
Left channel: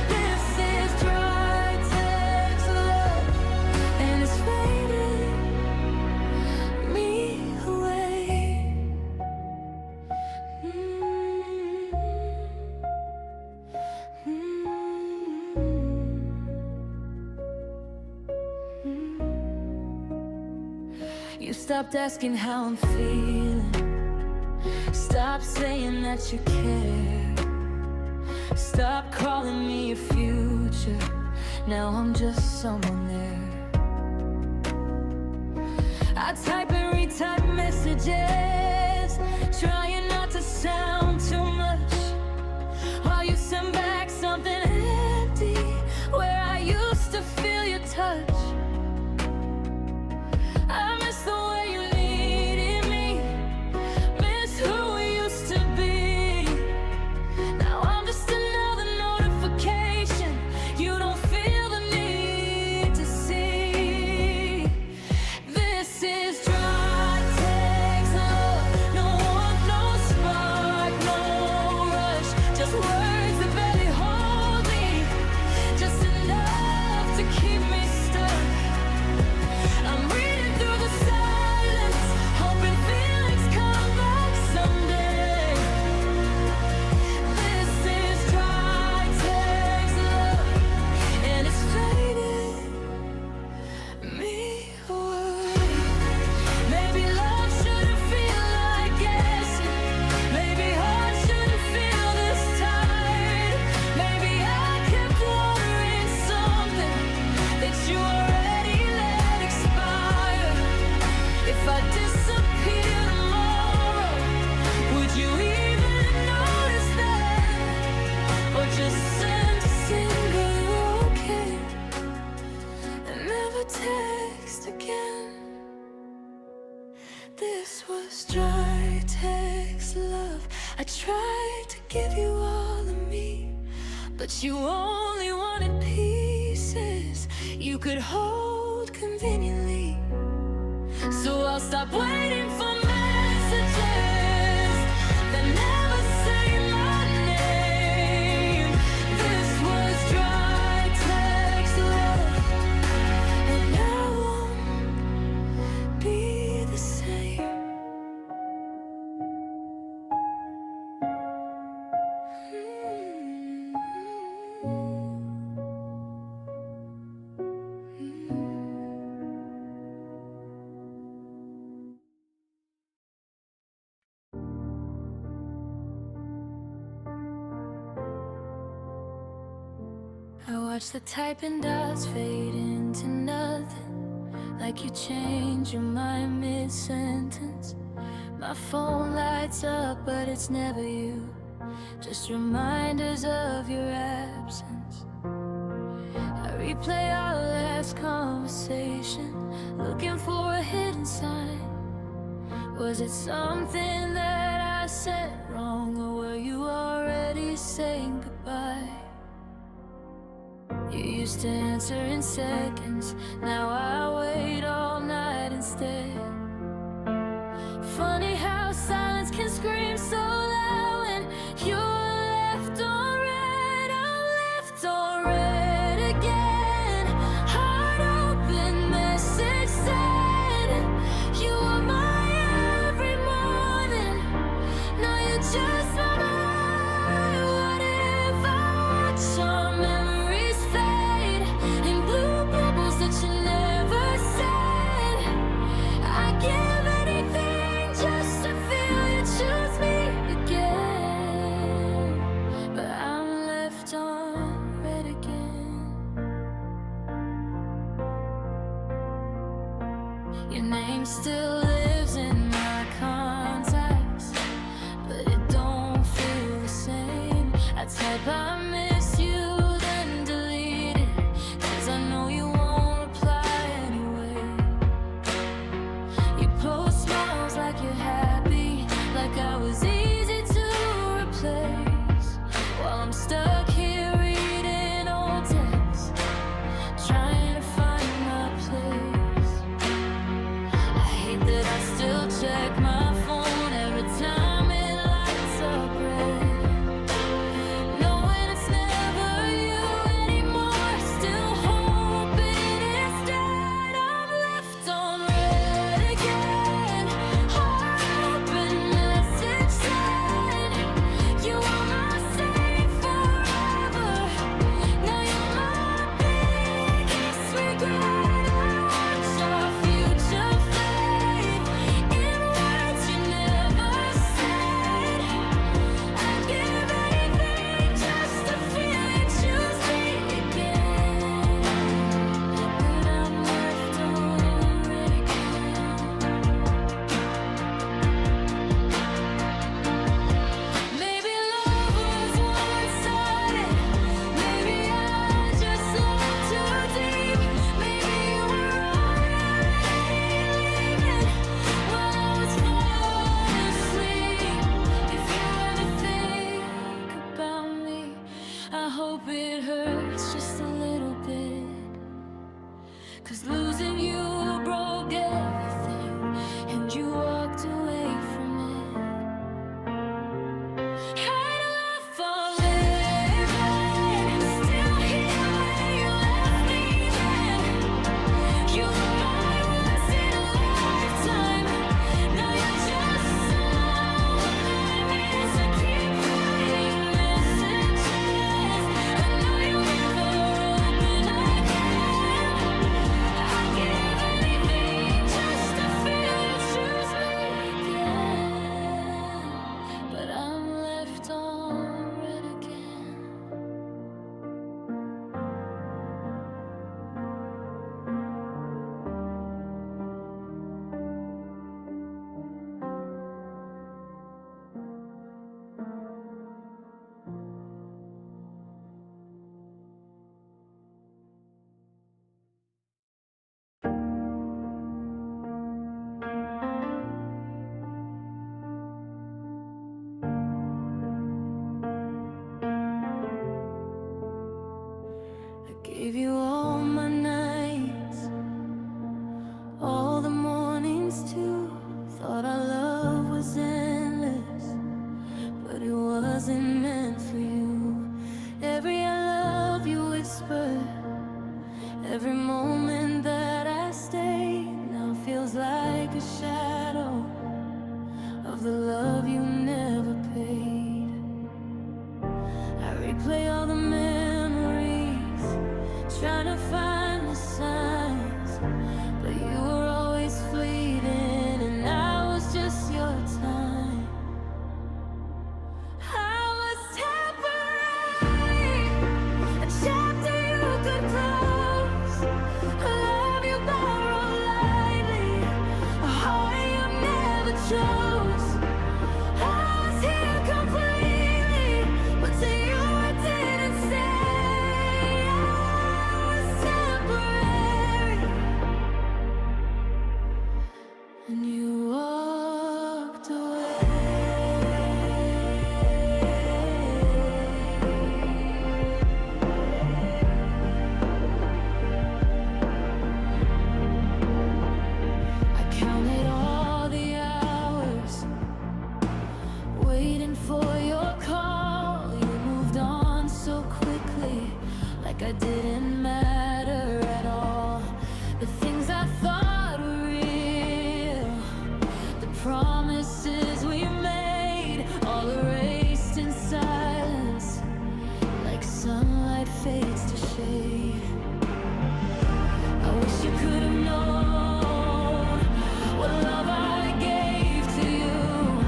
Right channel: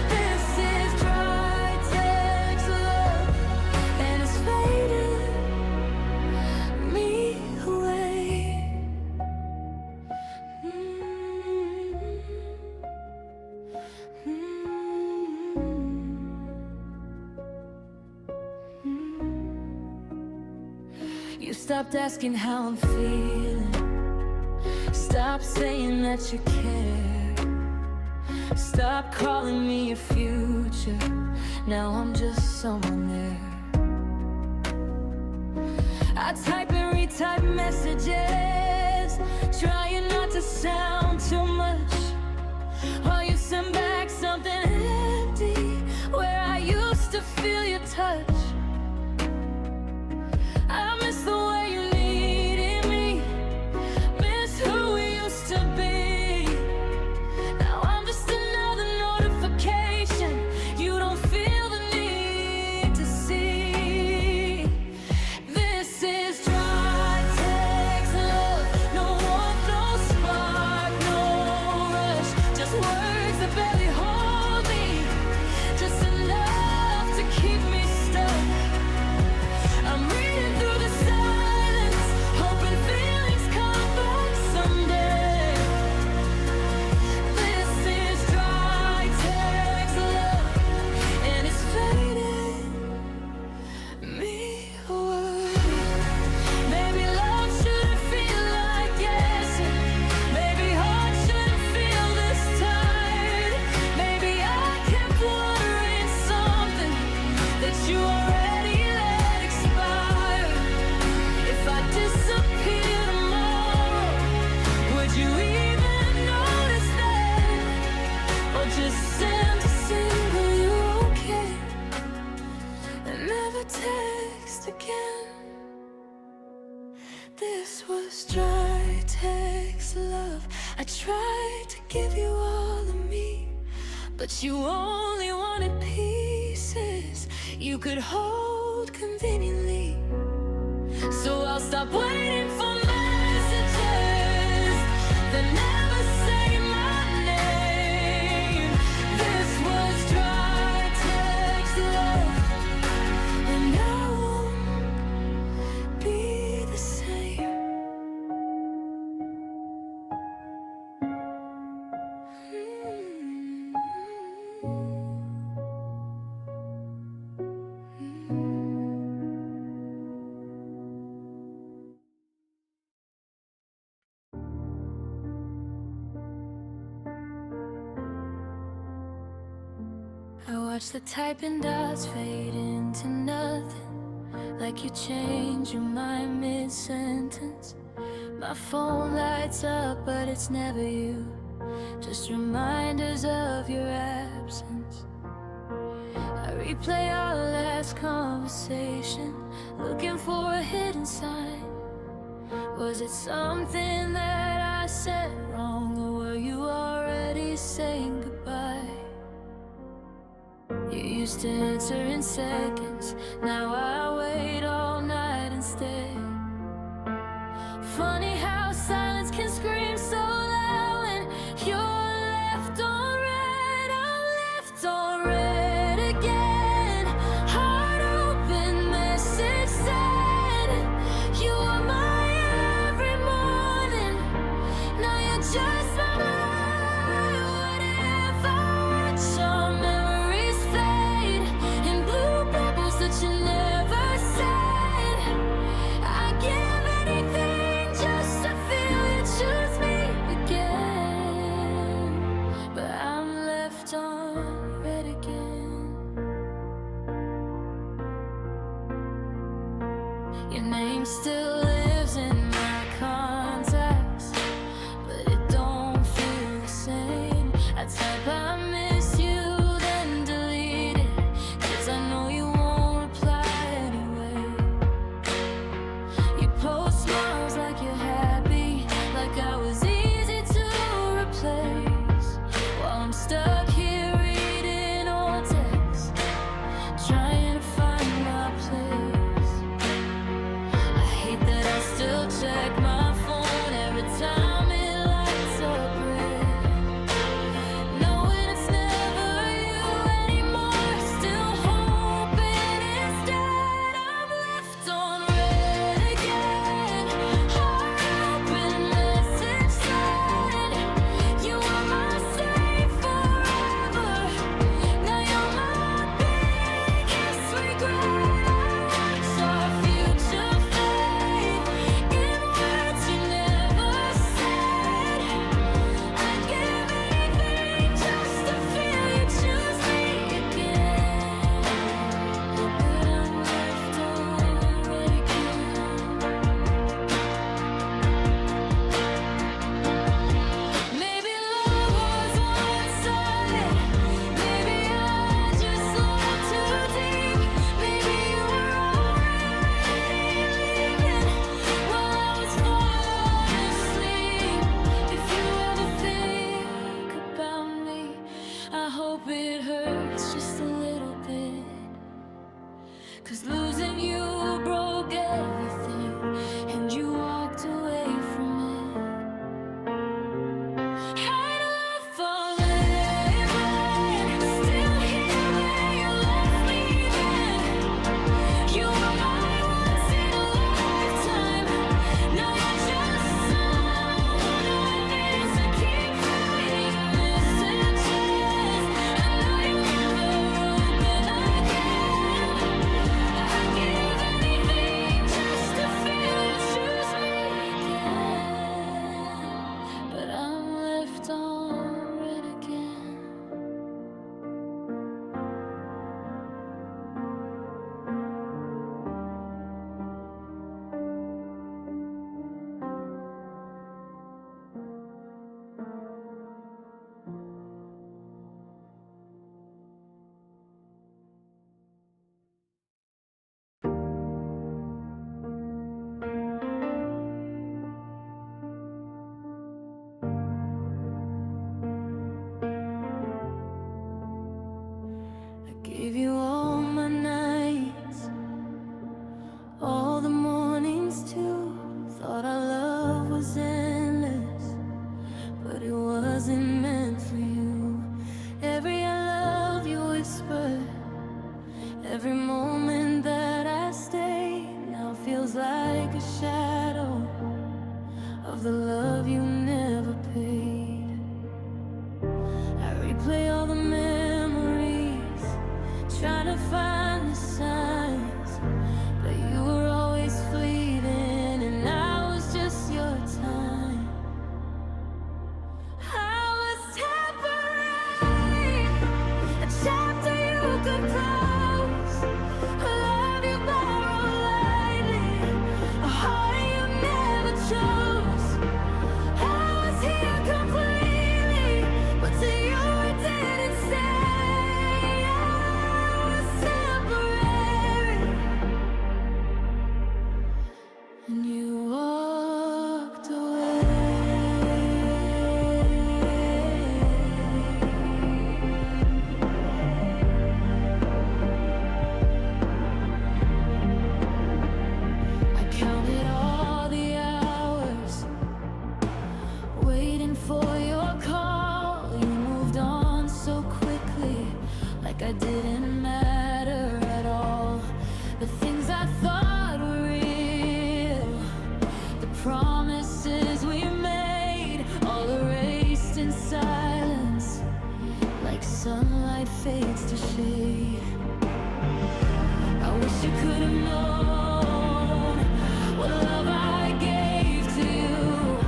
This is dry text love, and it's faded me away. You stopped asking how I'm feeling, stop saying that you care, stop calling me your future. Now I'm just someone there. I type and retype messages, trying not to sound too much, while you send back something empty where I used to feel your touch. I miss the way you needed me, miss who we used to be. Now I'm just another notification you don't feel the need to see. This is dry text love, no warmth, no spark, no rush, just words that barely hold me, just enough to keep me stuck. I'm reading through the silence, hoping feelings come back someday. This is dry text love, and it's fading me away. Maybe love shouldn't feel like guessing, maybe heart shouldn't feel this tired. Maybe I kept watering something that you already let expire. If I disappear tomorrow, would you even notice then? Or just send a single "you okay" and never text again? This was dry text love. I tried to give you all of me, but you only wanted pieces you could hold conveniently. So I'll stop waiting for messages that never say my name. This was dry text love, and I won't be the same. I watch the typing dots fade into nothing, like you change your mind mid-sentence. My phone lights up, but it's never you, just reminders of your absence. I replay our last conversation, looking for a hidden sign. Was it something that I said wrong, or were you already saying goodbye? You used to answer in seconds, now I wait all night instead. Funny how silence can scream so loud when you're left on red. I'm left on red again. Heart open, message said you are my every morning. Now you're just my mind. What if I watch our memories fade in blue bubbles that you never said? I give anything just to feel you choose me again. But I'm left on red again. Your name still lives in my contacts, but it don't feel the same. I type I miss you, then delete it, 'cause I know you won't reply anyway. You post smiles like you're happy, like I was easy to replace, while I'm stuck here reading old I still check my phone every time it lights up red, knowing it's never you anymore. Still hoping instead I'm left on red again. Heart open, message sent. You were my safe forever. Now you're my biggest regret. I watch our future fade in words you never said. I'd give anything just to feel you choose me again, but I'm left on red again. Maybe love was one-sided. Maybe I just loved too deep. Maybe you were already leaving while I was falling asleep. If you ever think about me, I hope it hurts just a little bit, 'cause losing you broke everything, and you walked away from it. Had a love forever, still here where you left me then. You were my once in a lifetime. Now you're just someone I miss. I keep writing messages. I know you'll never open again. I'd give anything just to feel you choose me again, but I'm left on red again. I gave you all my nights, all the mornings too. Thought our love was endless, but it wasn't meant for you. Every I love you whisper, every moment that I stay now feels like a shadow of the love you never paid. I replay all the memories, trying to find the signs, but you were always fleeting, and I was just your time. I was temporary, a chapter you could close, a love you borrowed lightly, a heart you never chose. I was here completely, but to you I didn't stay. I was temporary, and you walked away. I counted all the hours waiting for your call. You moved on so quickly, like I didn't matter at all. The things I thought were real, the promises we made, all erased in silence, like sunlight fades to shade. I wish you could have known what love I gave to you,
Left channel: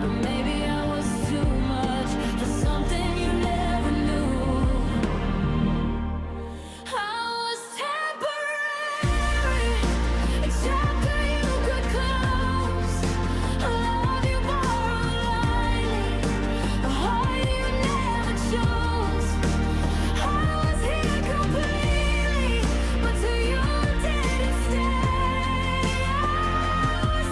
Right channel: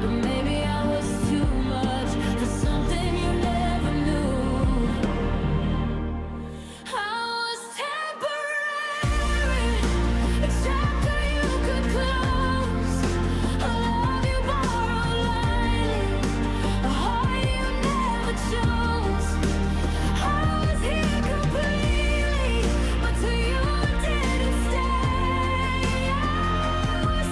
but maybe I was too much for something you never knew. I was temporary, a chapter you could close, a love you borrowed lightly, a heart you never chose. I was here completely, but to you I didn't stay. I was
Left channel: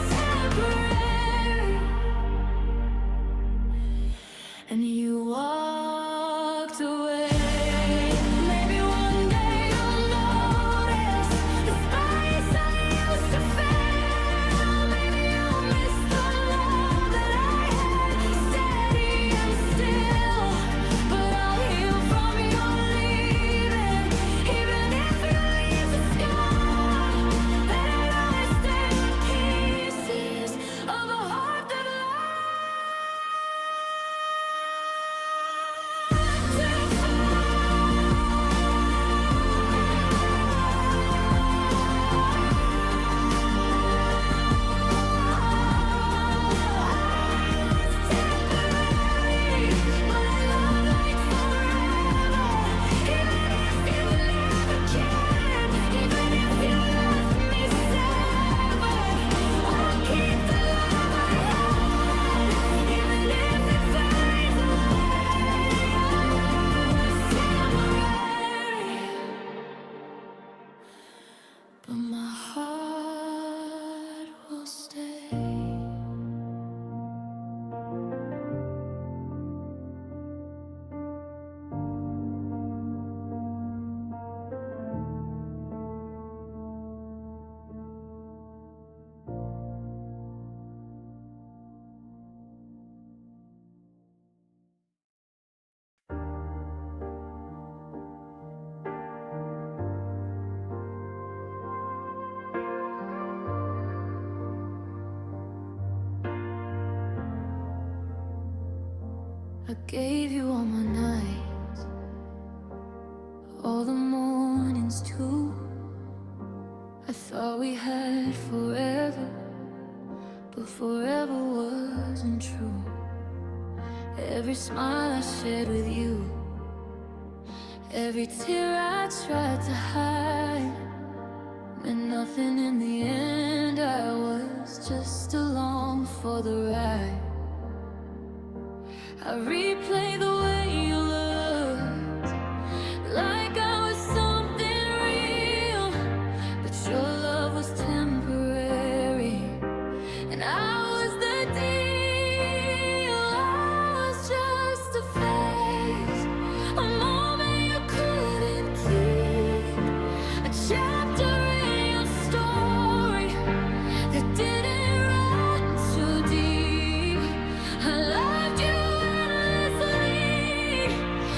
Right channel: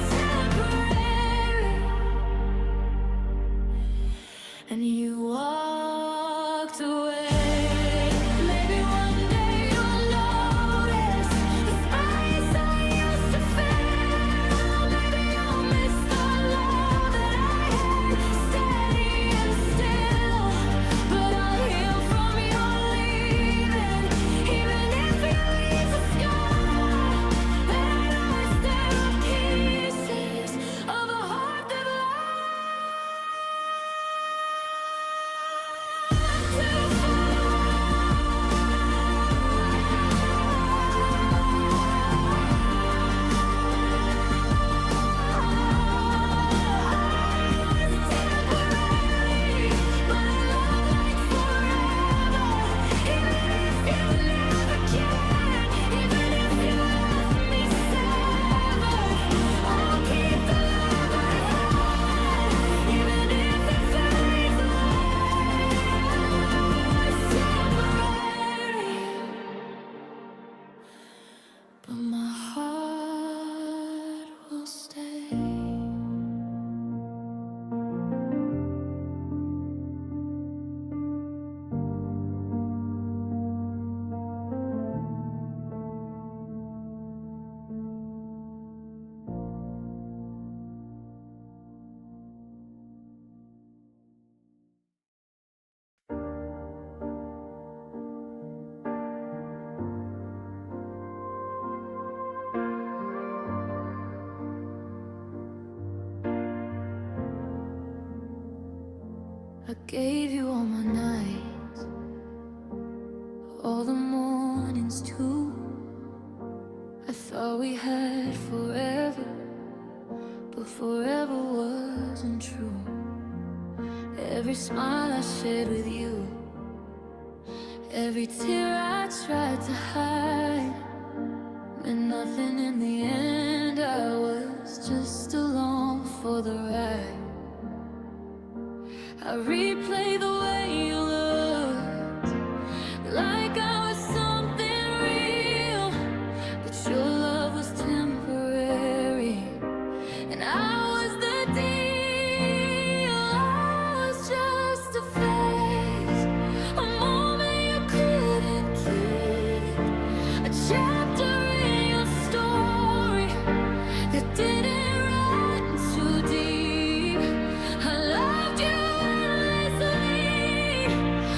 I gave you all my nights, all the mornings too. I thought we had forever, but forever wasn't true. Every smile I shared with you, every tear I tried to hide, meant nothing in the end. I was just along for the ride. I replay the way you looked, like I was something real, but your love was temporary, and I was the deal. I was just a phase, a moment you couldn't keep, a chapter in your story that didn't run too deep. I loved you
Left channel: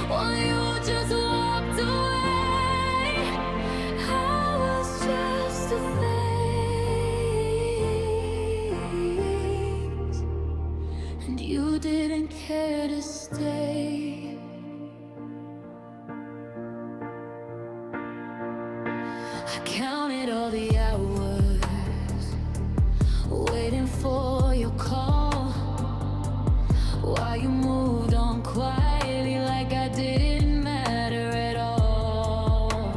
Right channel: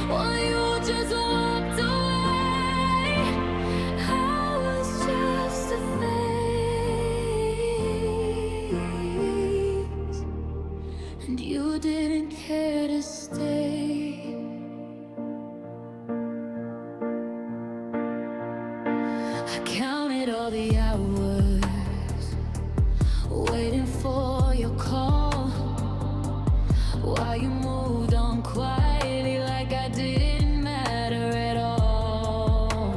while you just walked away. I was just a phase, and you didn't care to stay. I counted all the hours, waiting for your call, while you moved on quietly like I didn't matter at all.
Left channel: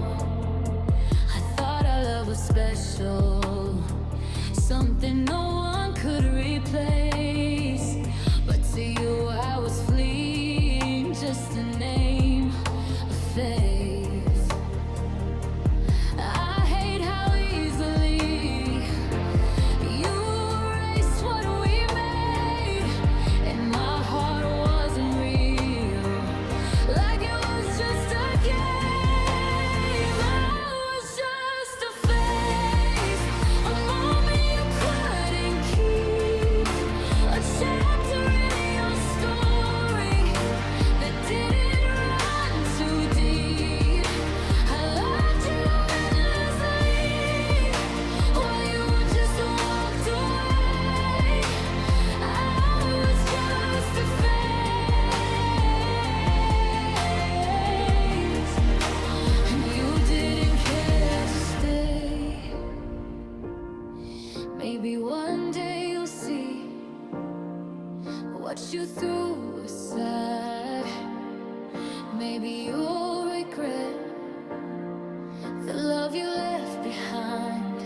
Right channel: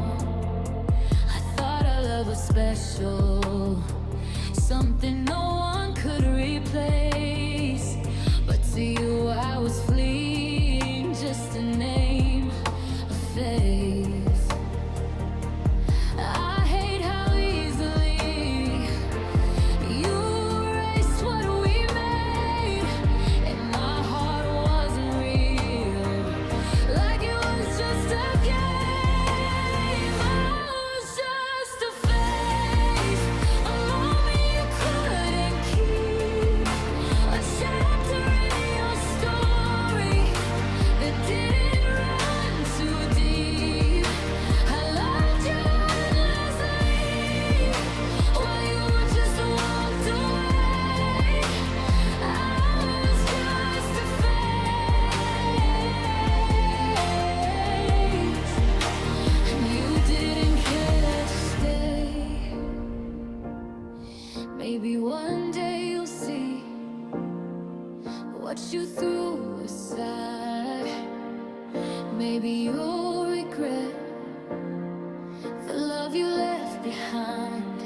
I thought our love was special, something no one could replace, but to you I was fleeing, just a name, a face. I hate how easily you erased what we made, and my heart wasn't real, like it was just a game. I was just a phase, a moment you couldn't keep, a chapter in your story that didn't run too deep. I loved you endlessly while you just walked away. I was just a phase, and you didn't care to stay. Maybe one day you'll see what you threw aside. Maybe you'll regret the love you left behind.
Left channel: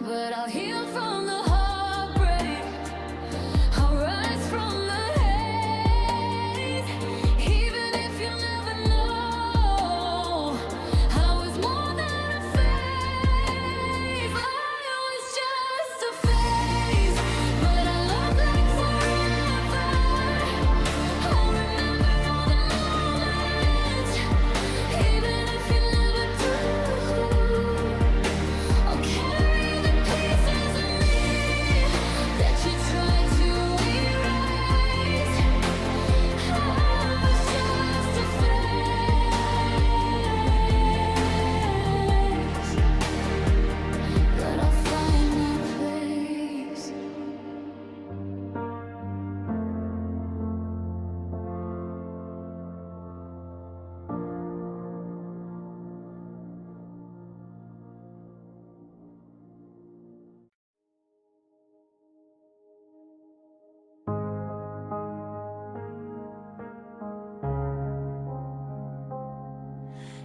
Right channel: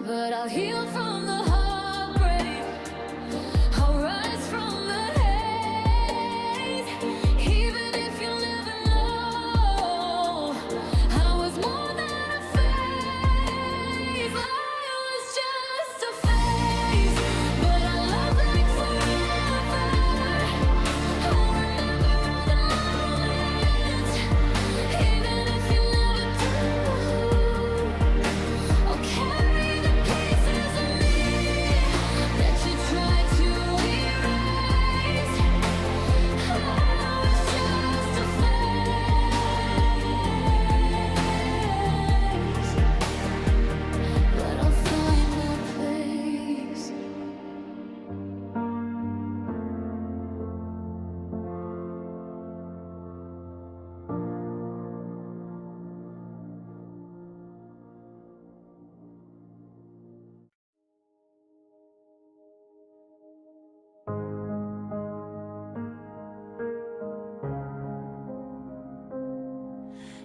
But I'll heal from the heartbreak, I'll rise from the haze. Even if you'll never know, I was more than a phase. I was just a phase, but I loved like forever. I'll remember all the moments, even if you never do. I'll carry the pieces of me that you tried to erase. I was just a phase, but I'll find my place.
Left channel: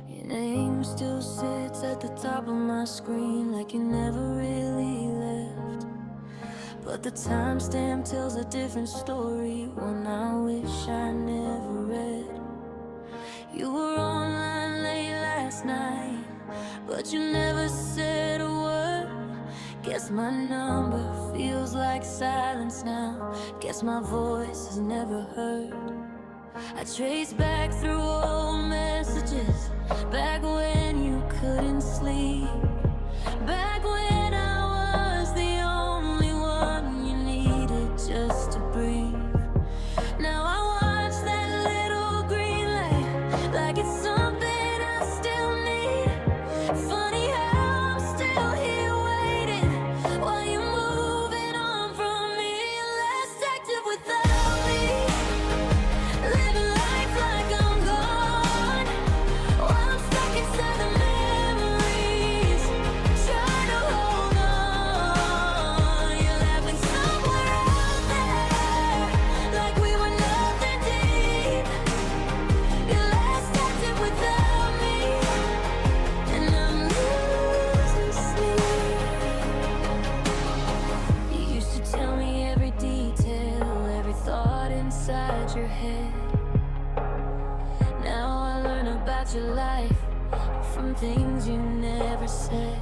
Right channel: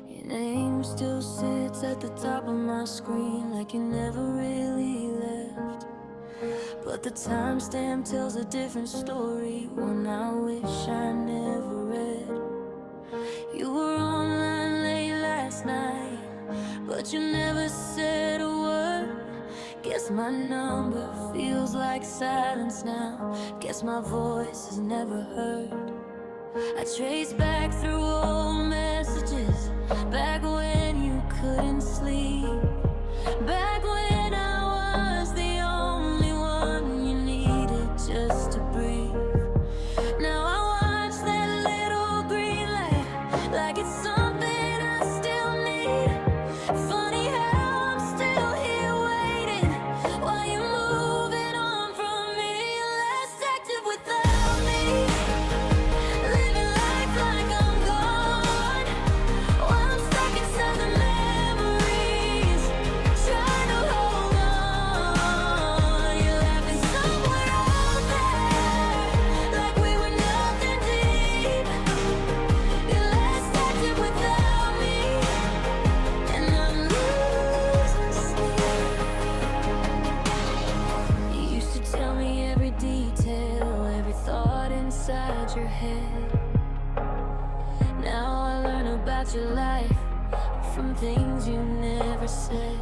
Your name still sits at the top of my screen, like you never really left. But the timestamp tells a different story, one I wish I never read. You were online late last night, but you never said a word. Guess my number feels like silence now. Guess my voice is never heard. I trace back through old messages, back when you couldn't sleep, back when I was the only one you needed just to breathe. Now I watch that little green light like it's something I still need. Funny how I'm still here waiting while you're moving on from me. Less active without me. inside your head. Now I learn about your life from things you never said.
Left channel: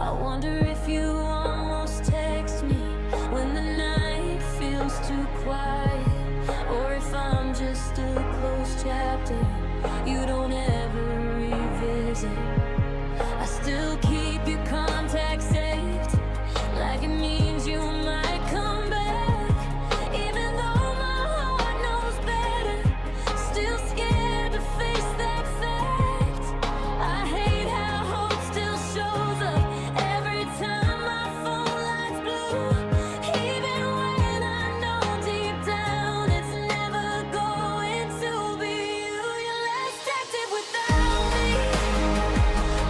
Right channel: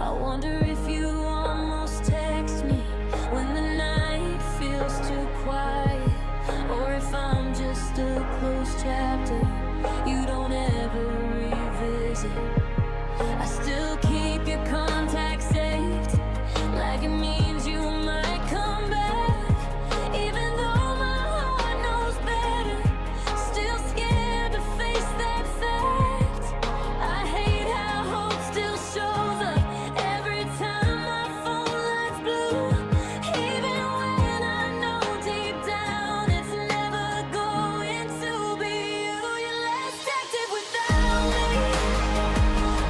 I wonder if you almost text me when the night feels too quiet, or if I'm just a closed chapter you don't ever revisit. I still keep your contact saved, like it means you might come back. Even though my heart knows better, still scared to face that fact. I hate how hope still shows up every time my phone lights blue. Even when I know deep down it's never going to be you. You're less active without me,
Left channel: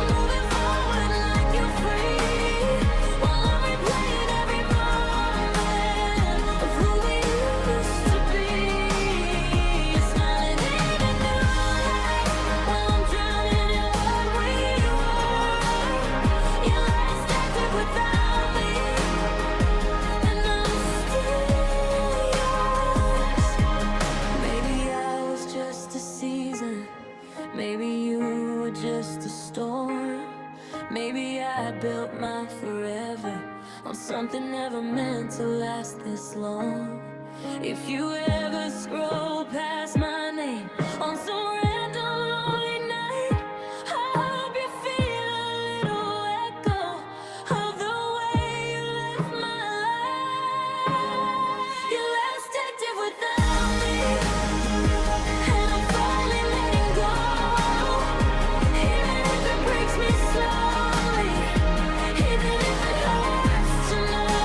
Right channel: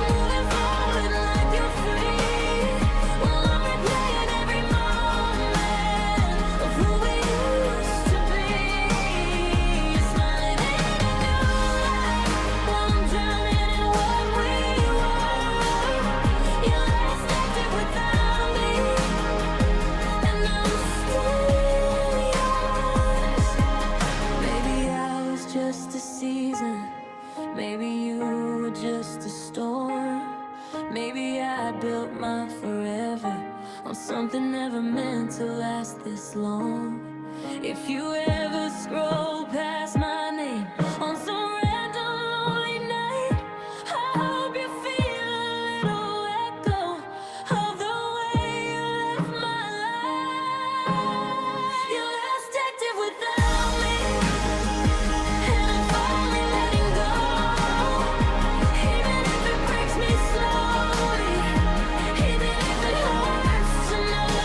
moving forward like you're free, while I'm replaying every moment of who we used to be. You're smiling in a new light while I'm drowning in what we were. You're less active without me, and I'm still yours. Maybe I was just a season, maybe you were just a storm. Maybe I built my forever on something never meant to last this long. If you ever scroll past my name on some random lonely night, I hope you feel a little echo of the way you left my life. You're less active without me, and I'm finally letting go. Even if it breaks me slowly, even if it hurts to know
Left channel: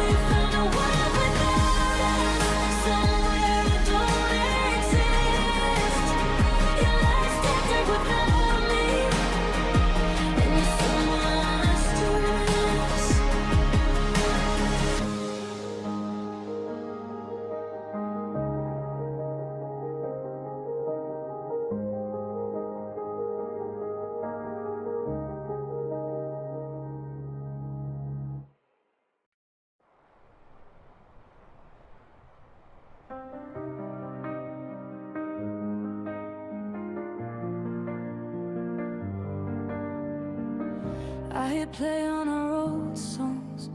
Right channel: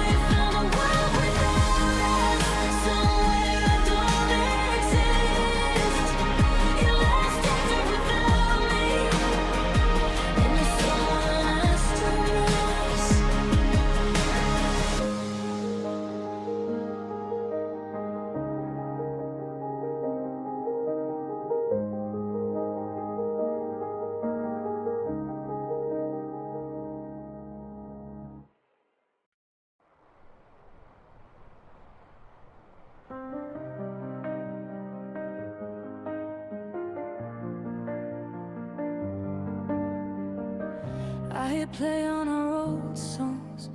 we found a world without us, somewhere I don't exist. You're less active without me, and you're someone I still miss. I hit play on our old songs,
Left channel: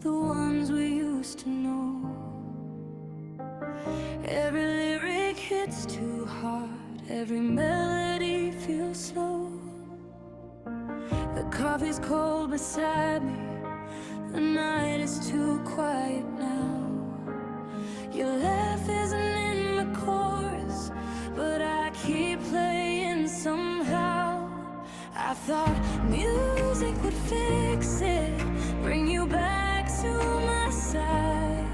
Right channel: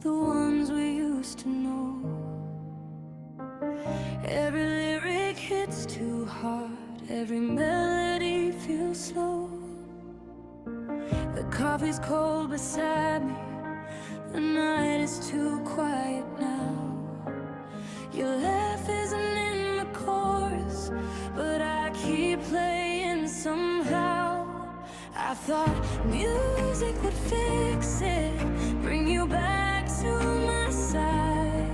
the ones we used to know. Every lyric hits too hard, every melody feels slow. The coffee's cold beside me, the night is too quiet now. Your laugh isn't in the chorus, but I keep playing somehow. I thought music would fix it, bring you back to my side,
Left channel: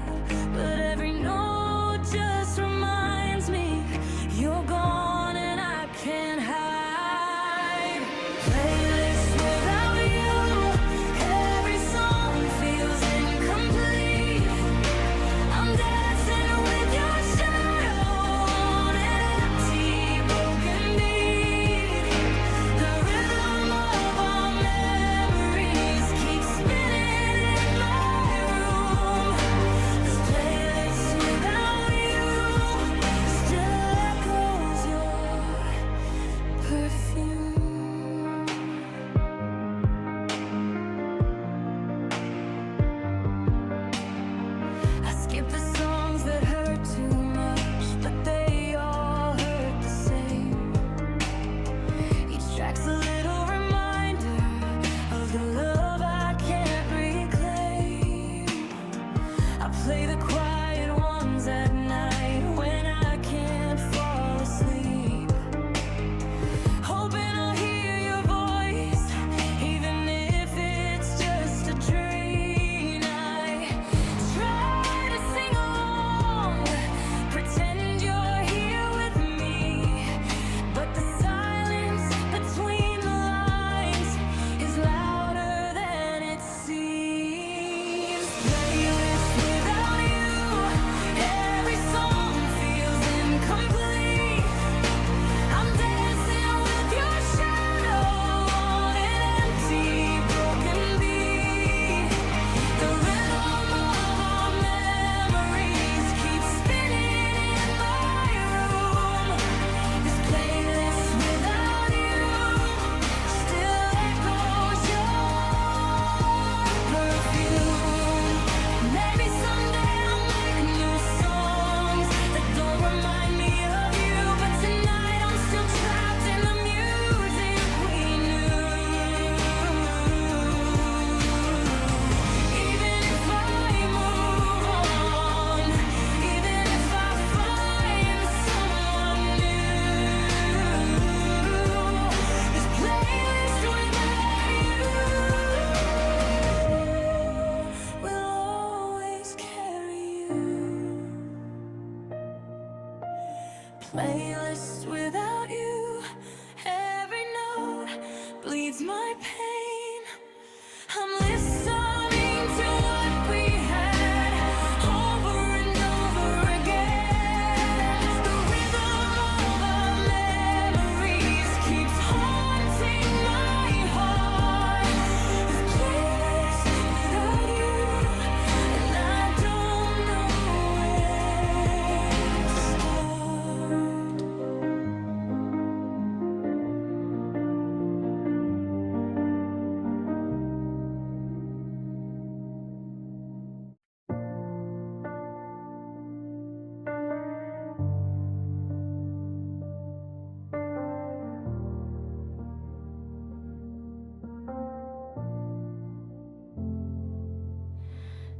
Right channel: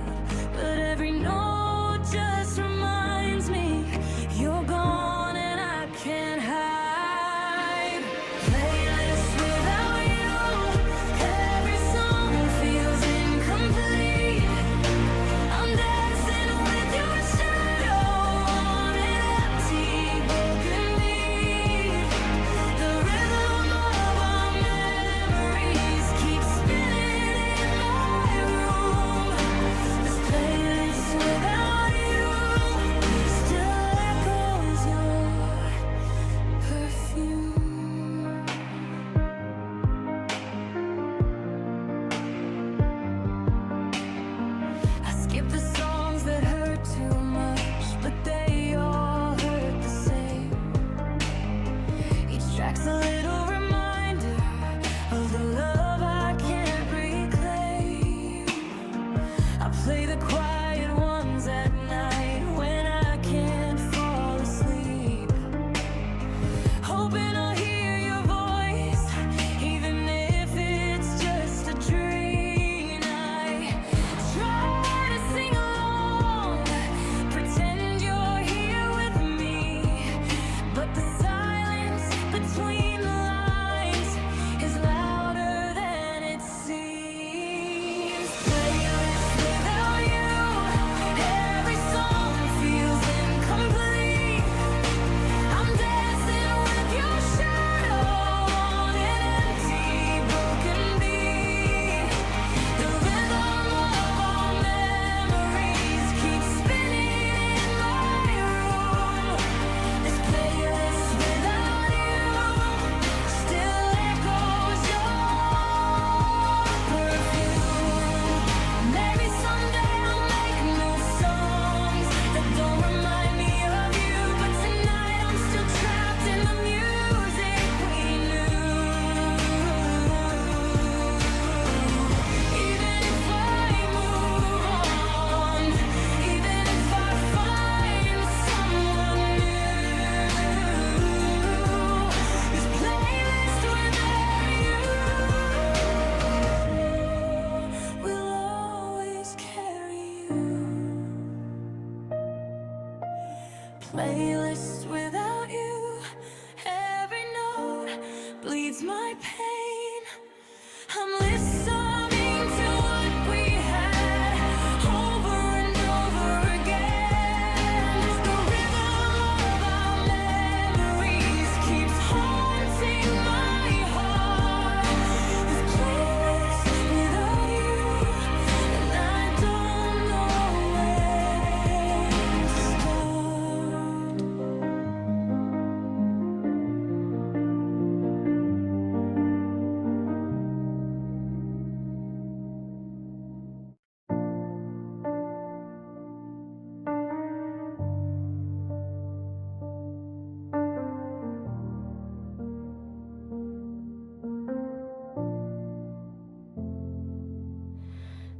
but every note just reminds me you're gone and I can't hide. Playlist without you, every song feels incomplete. I'm dancing with your shadow on an empty, broken beat. The rhythm of our memories keeps spinning in my room. This playlist without you still echoes your perfume. I skip the songs that hurt too much, but they all hurt the same. Each track's a little reminder of the love I can't reclaim. I play the quiet ones at night when I can't fall asleep, hoping I'll hear your voice, even if it's just a dream. I try to sing along, pretend you're here with me, but the silence between the lines is louder than it seems. Playlist without you, every song playlist without you. Every note bleeds my pain. I'm listening to what we had over and over again. The rhythm of our memories keeps haunting my heart. This playlist without you, and I don't know where to start.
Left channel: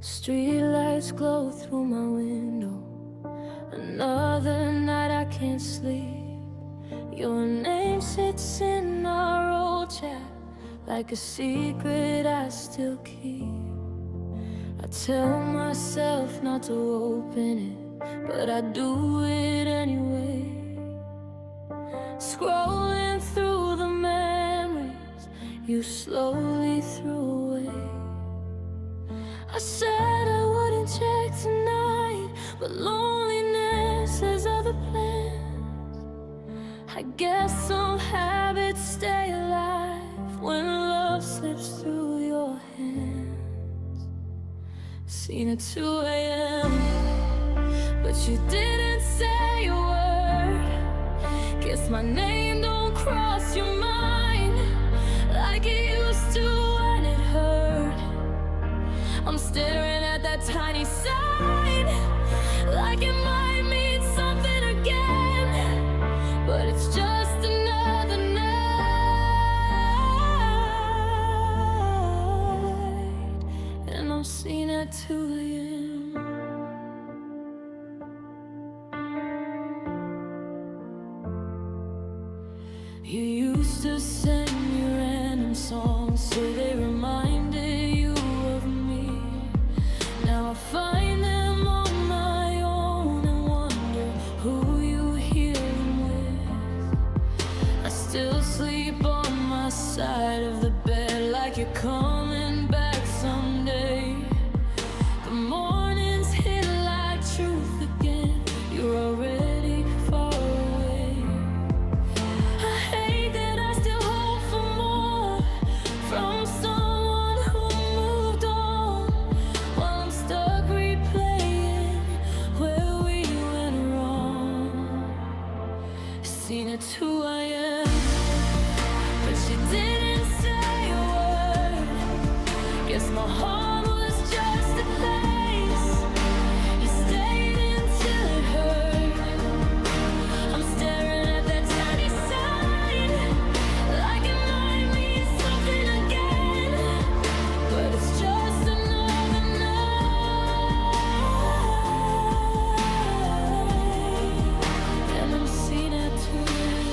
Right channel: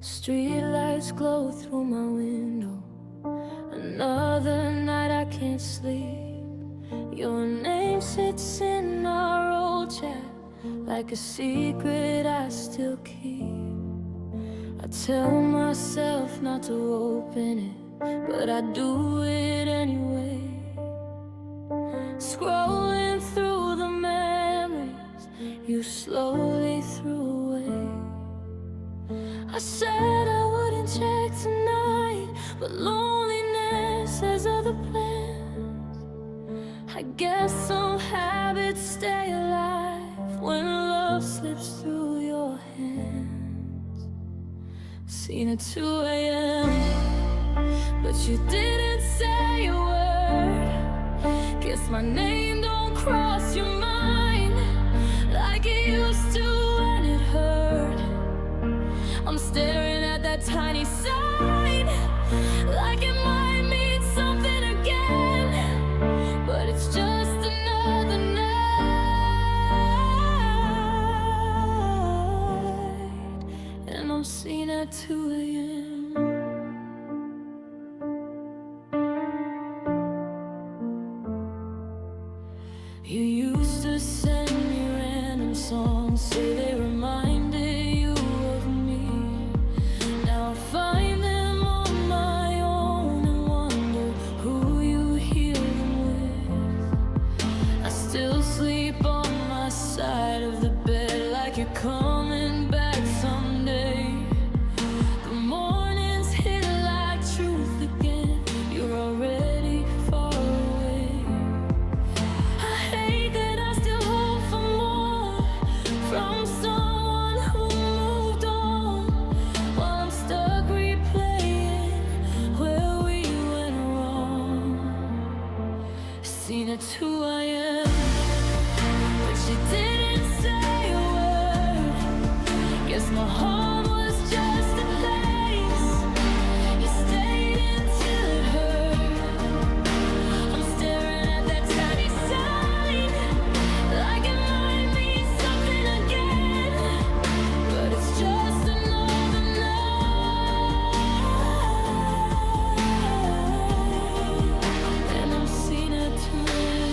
Streetlights glow through my window. Another night I can't sleep. Your name sits in our old chat like a secret I still keep. I tell myself not to open it, but I do it anyway. Scrolling through the memories you slowly threw away. I said I wouldn't check tonight, but loneliness has other plans. I guess some habits stay alive when love slips through your hands. Seen at 2 a.m., but you didn't say a word. Guess my name don't cross your mind like it used to when it hurt. I'm staring at that tiny sign like it might mean something again, but it's just another night, and I'm seen at 2 a.m. You used to send me random songs, say they reminded you of me. Now I find them on my own and wonder who you hear them with. I still sleep on my side of the bed like you're coming back someday. But mornings hit like truth again. You're already far away. I hate that I still hope for more from someone who moved on, while I'm stuck replaying where we went wrong. Seen at 2 a.m., but you didn't say a word. Guess my heart was just a place you stayed until it hurt. I'm staring at that tiny sign like it might mean something again, but it's just another night, and I'm seen at 2 a.m.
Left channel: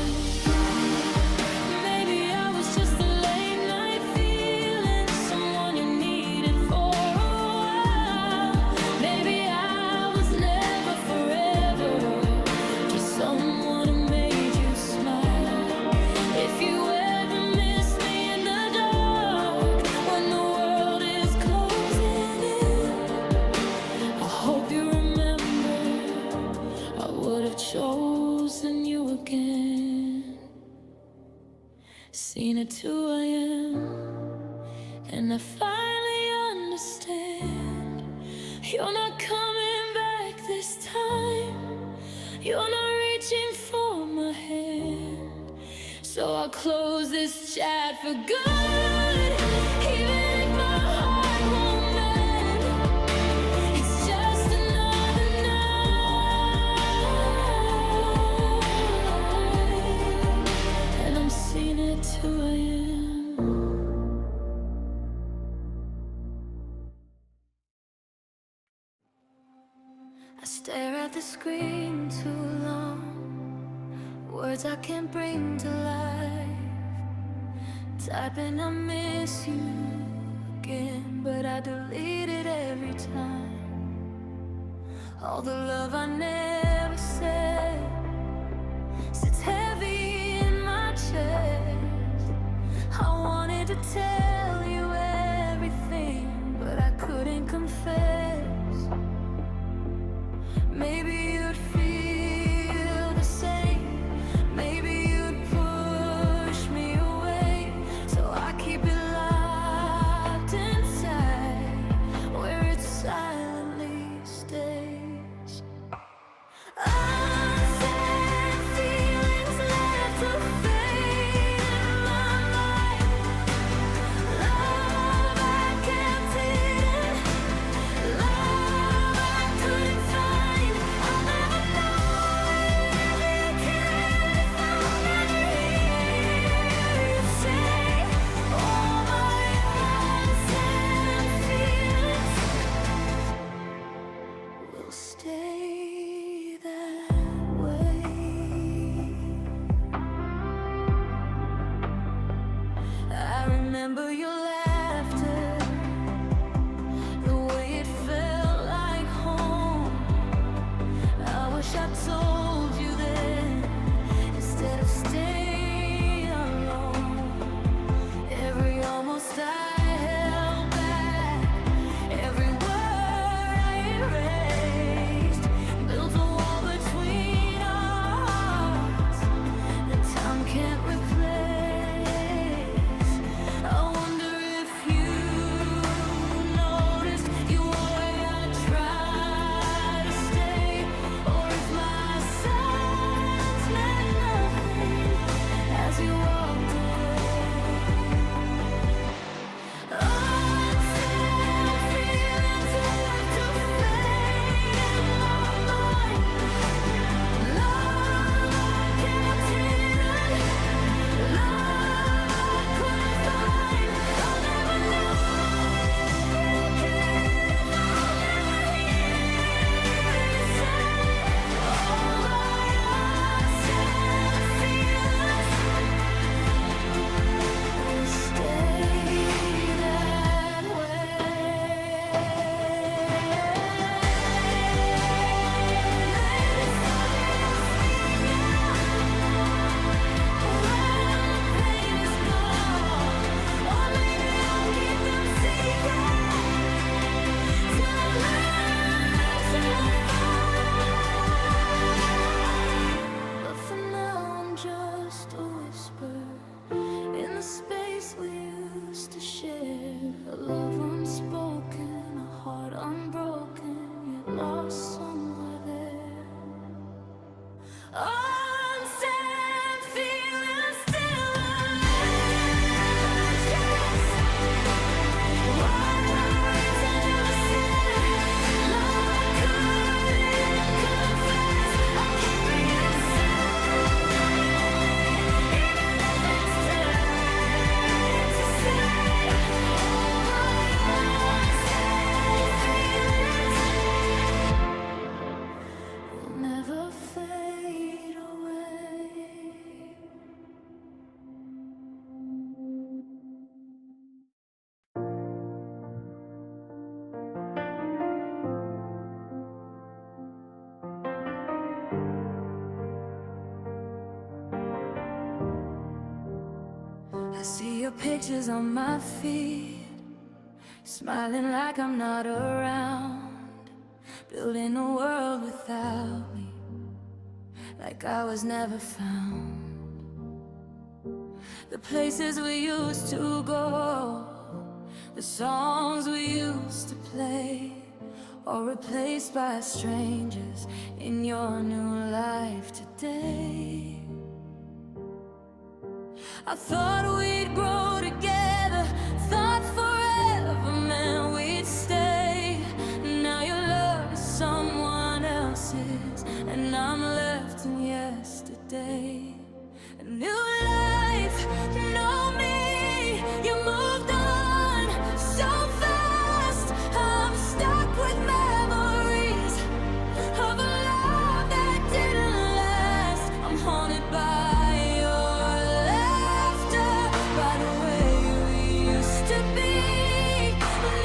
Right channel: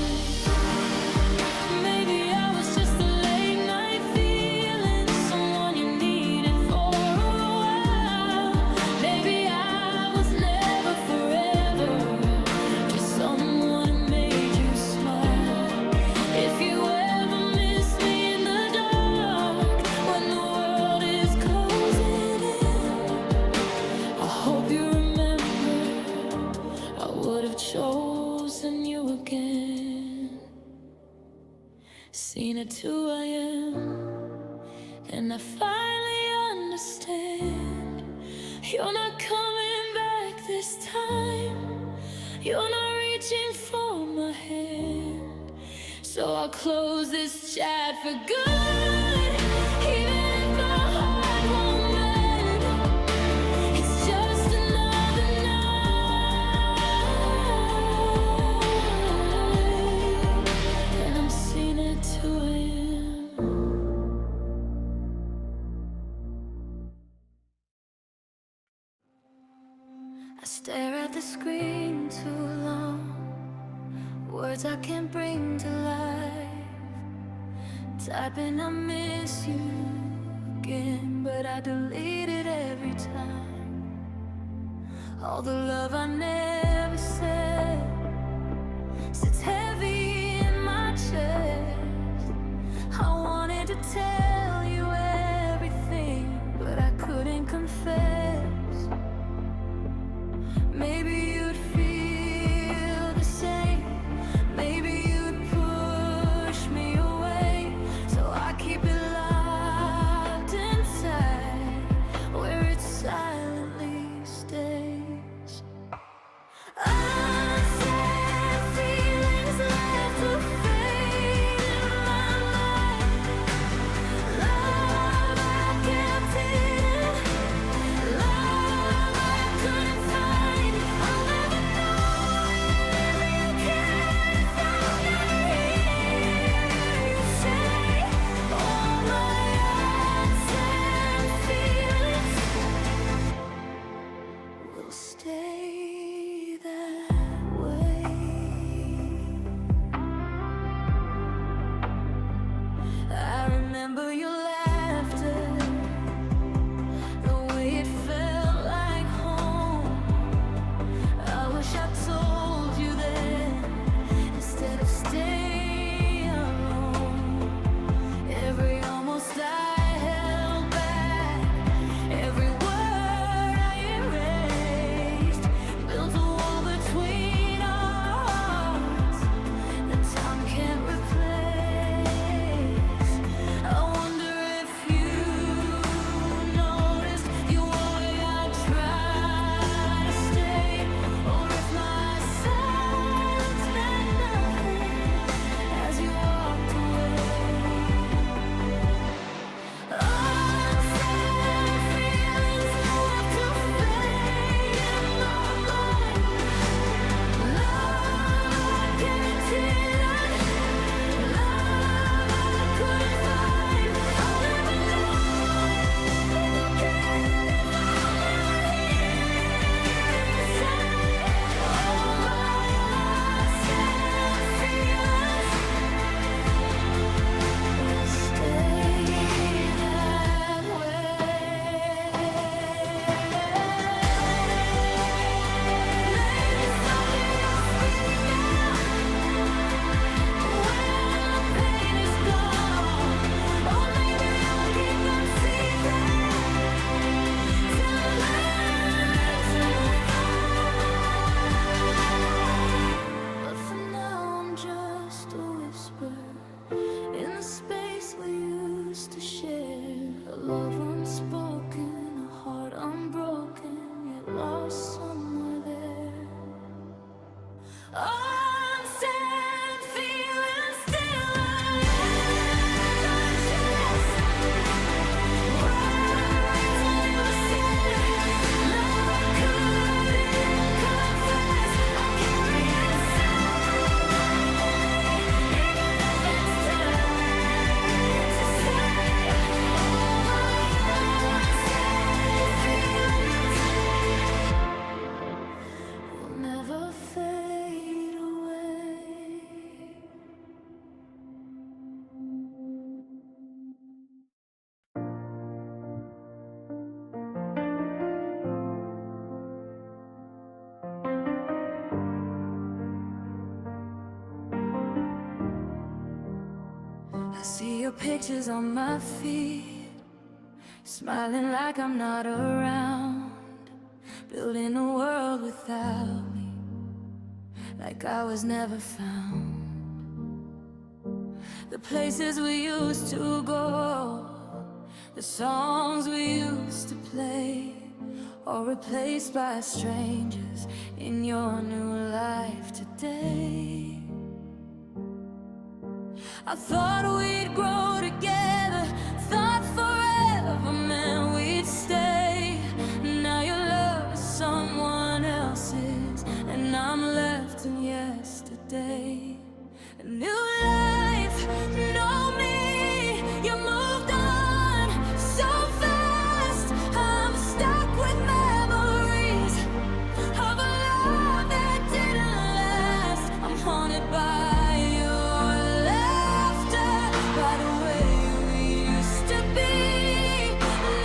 Maybe I was just a late night feeling, someone you needed for a while. Maybe I was never forever, just someone who made you smile. If you ever miss me in the dark when the world is closing in, I hope you remember I would have chosen you again. Seen at 2 a.m., and I finally understand. You're not coming back this time. You're not reaching for my hand. So I'll close this chat for good, even if my heart won't mend. It's just another night, and I'm seen at 2 a.m. I stare at the screen too long, words I can't bring to life. Typing I miss you again, but I delete it every time. All the love I never said, tell you everything, but I couldn't confess. Maybe you'd feel the same. Maybe you'd push me away. So I keep it locked inside, where it silently stays. Unsaid feelings left to fade in my mind. Love I kept hidden, love I couldn't find. I'll never know if you cared, if I'll never hear you say all my unsaid feelings will stay that way. I remember your laughter, the way it felt like home. I wish I told you then, instead of staying alone. Every almost I held back, every word I erased, built a wall between our hearts that time can't replace. I wonder if you noticed you way I tried to stay, or if my silence meant nothing as you walked away. Unsaid feelings left to fade in my mind. Love I kept hidden, love I couldn't find. I'll never know if you cared, if I'll never hear you say all my unsaid feelings will stay that way. Maybe someday I'll speak out when the pain is gone, or maybe I'll keep them secret till I learn to move on. But for now I'm just a whisper in the space we used to share. A love unspoken, a heart unbroken, yet lost somewhere there. Unsaid feelings still alive in my chest. Words I never said, love I couldn't confess. I'll carry you silently, even if it's too late to say all my unsaid feelings will never fade away. I see your pictures on my feed, smiling like I'm not around, building a world without me, like I was never found. The places we used to go, the songs we used to play, all replaced by strangers in your new life today. I thought we'd grow together, thought forever meant we'd stay. Now your love is someone else's, and I'm left in yesterday. A new life, know me, you moved on so fast. I'm stuck with memories of a love that didn't last. I'm haunted by your laughter, by the way we used to be.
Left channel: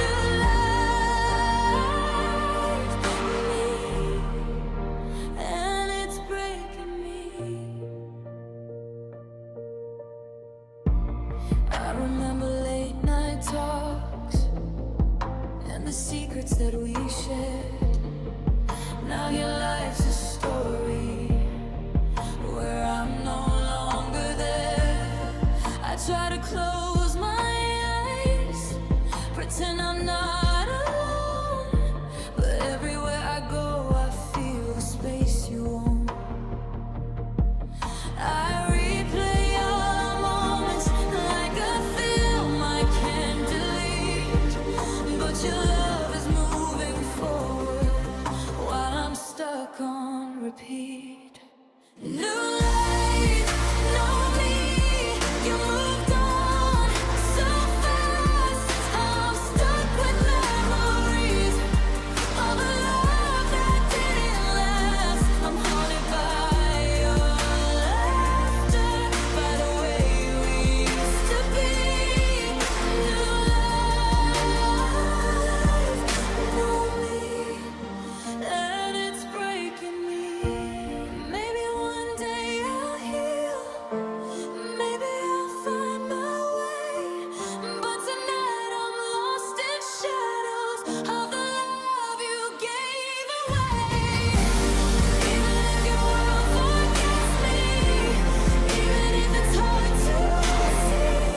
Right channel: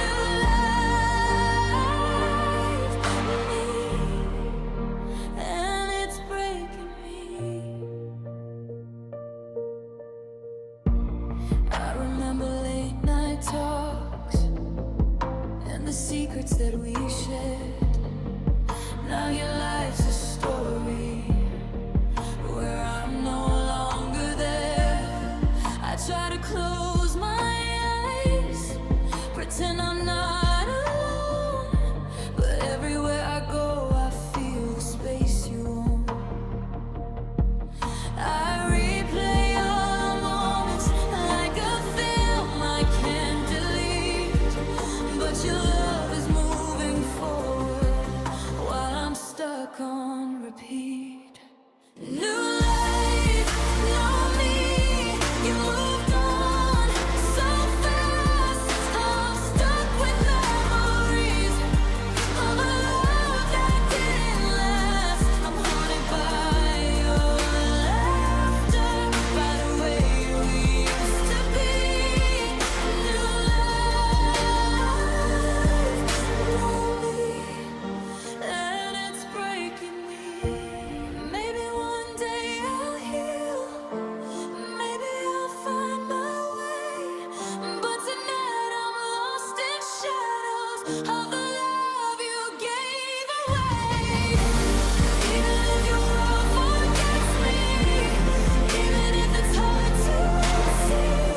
New life, me, and it's breaking me. talks and the secrets that we shared. Now your life's a story where I'm no longer there. I try to close my eyes, pretend I'm not alone, but everywhere I go I feel the space you own. I replay all our moments like a film I can't delete, but your love is moving forward while I'm stuck on repeat. New life, no me, you moved on so fast. I'm stuck with memories of a love that didn't last. I'm haunted by your laughter, by the way we used to be. New life, new me, and it's breaking me. Maybe one day I'll heal, maybe I'll find my way, but tonight I'm lost in shadows of the love you gave away. Even if your world forgets me, even if it's hard to see,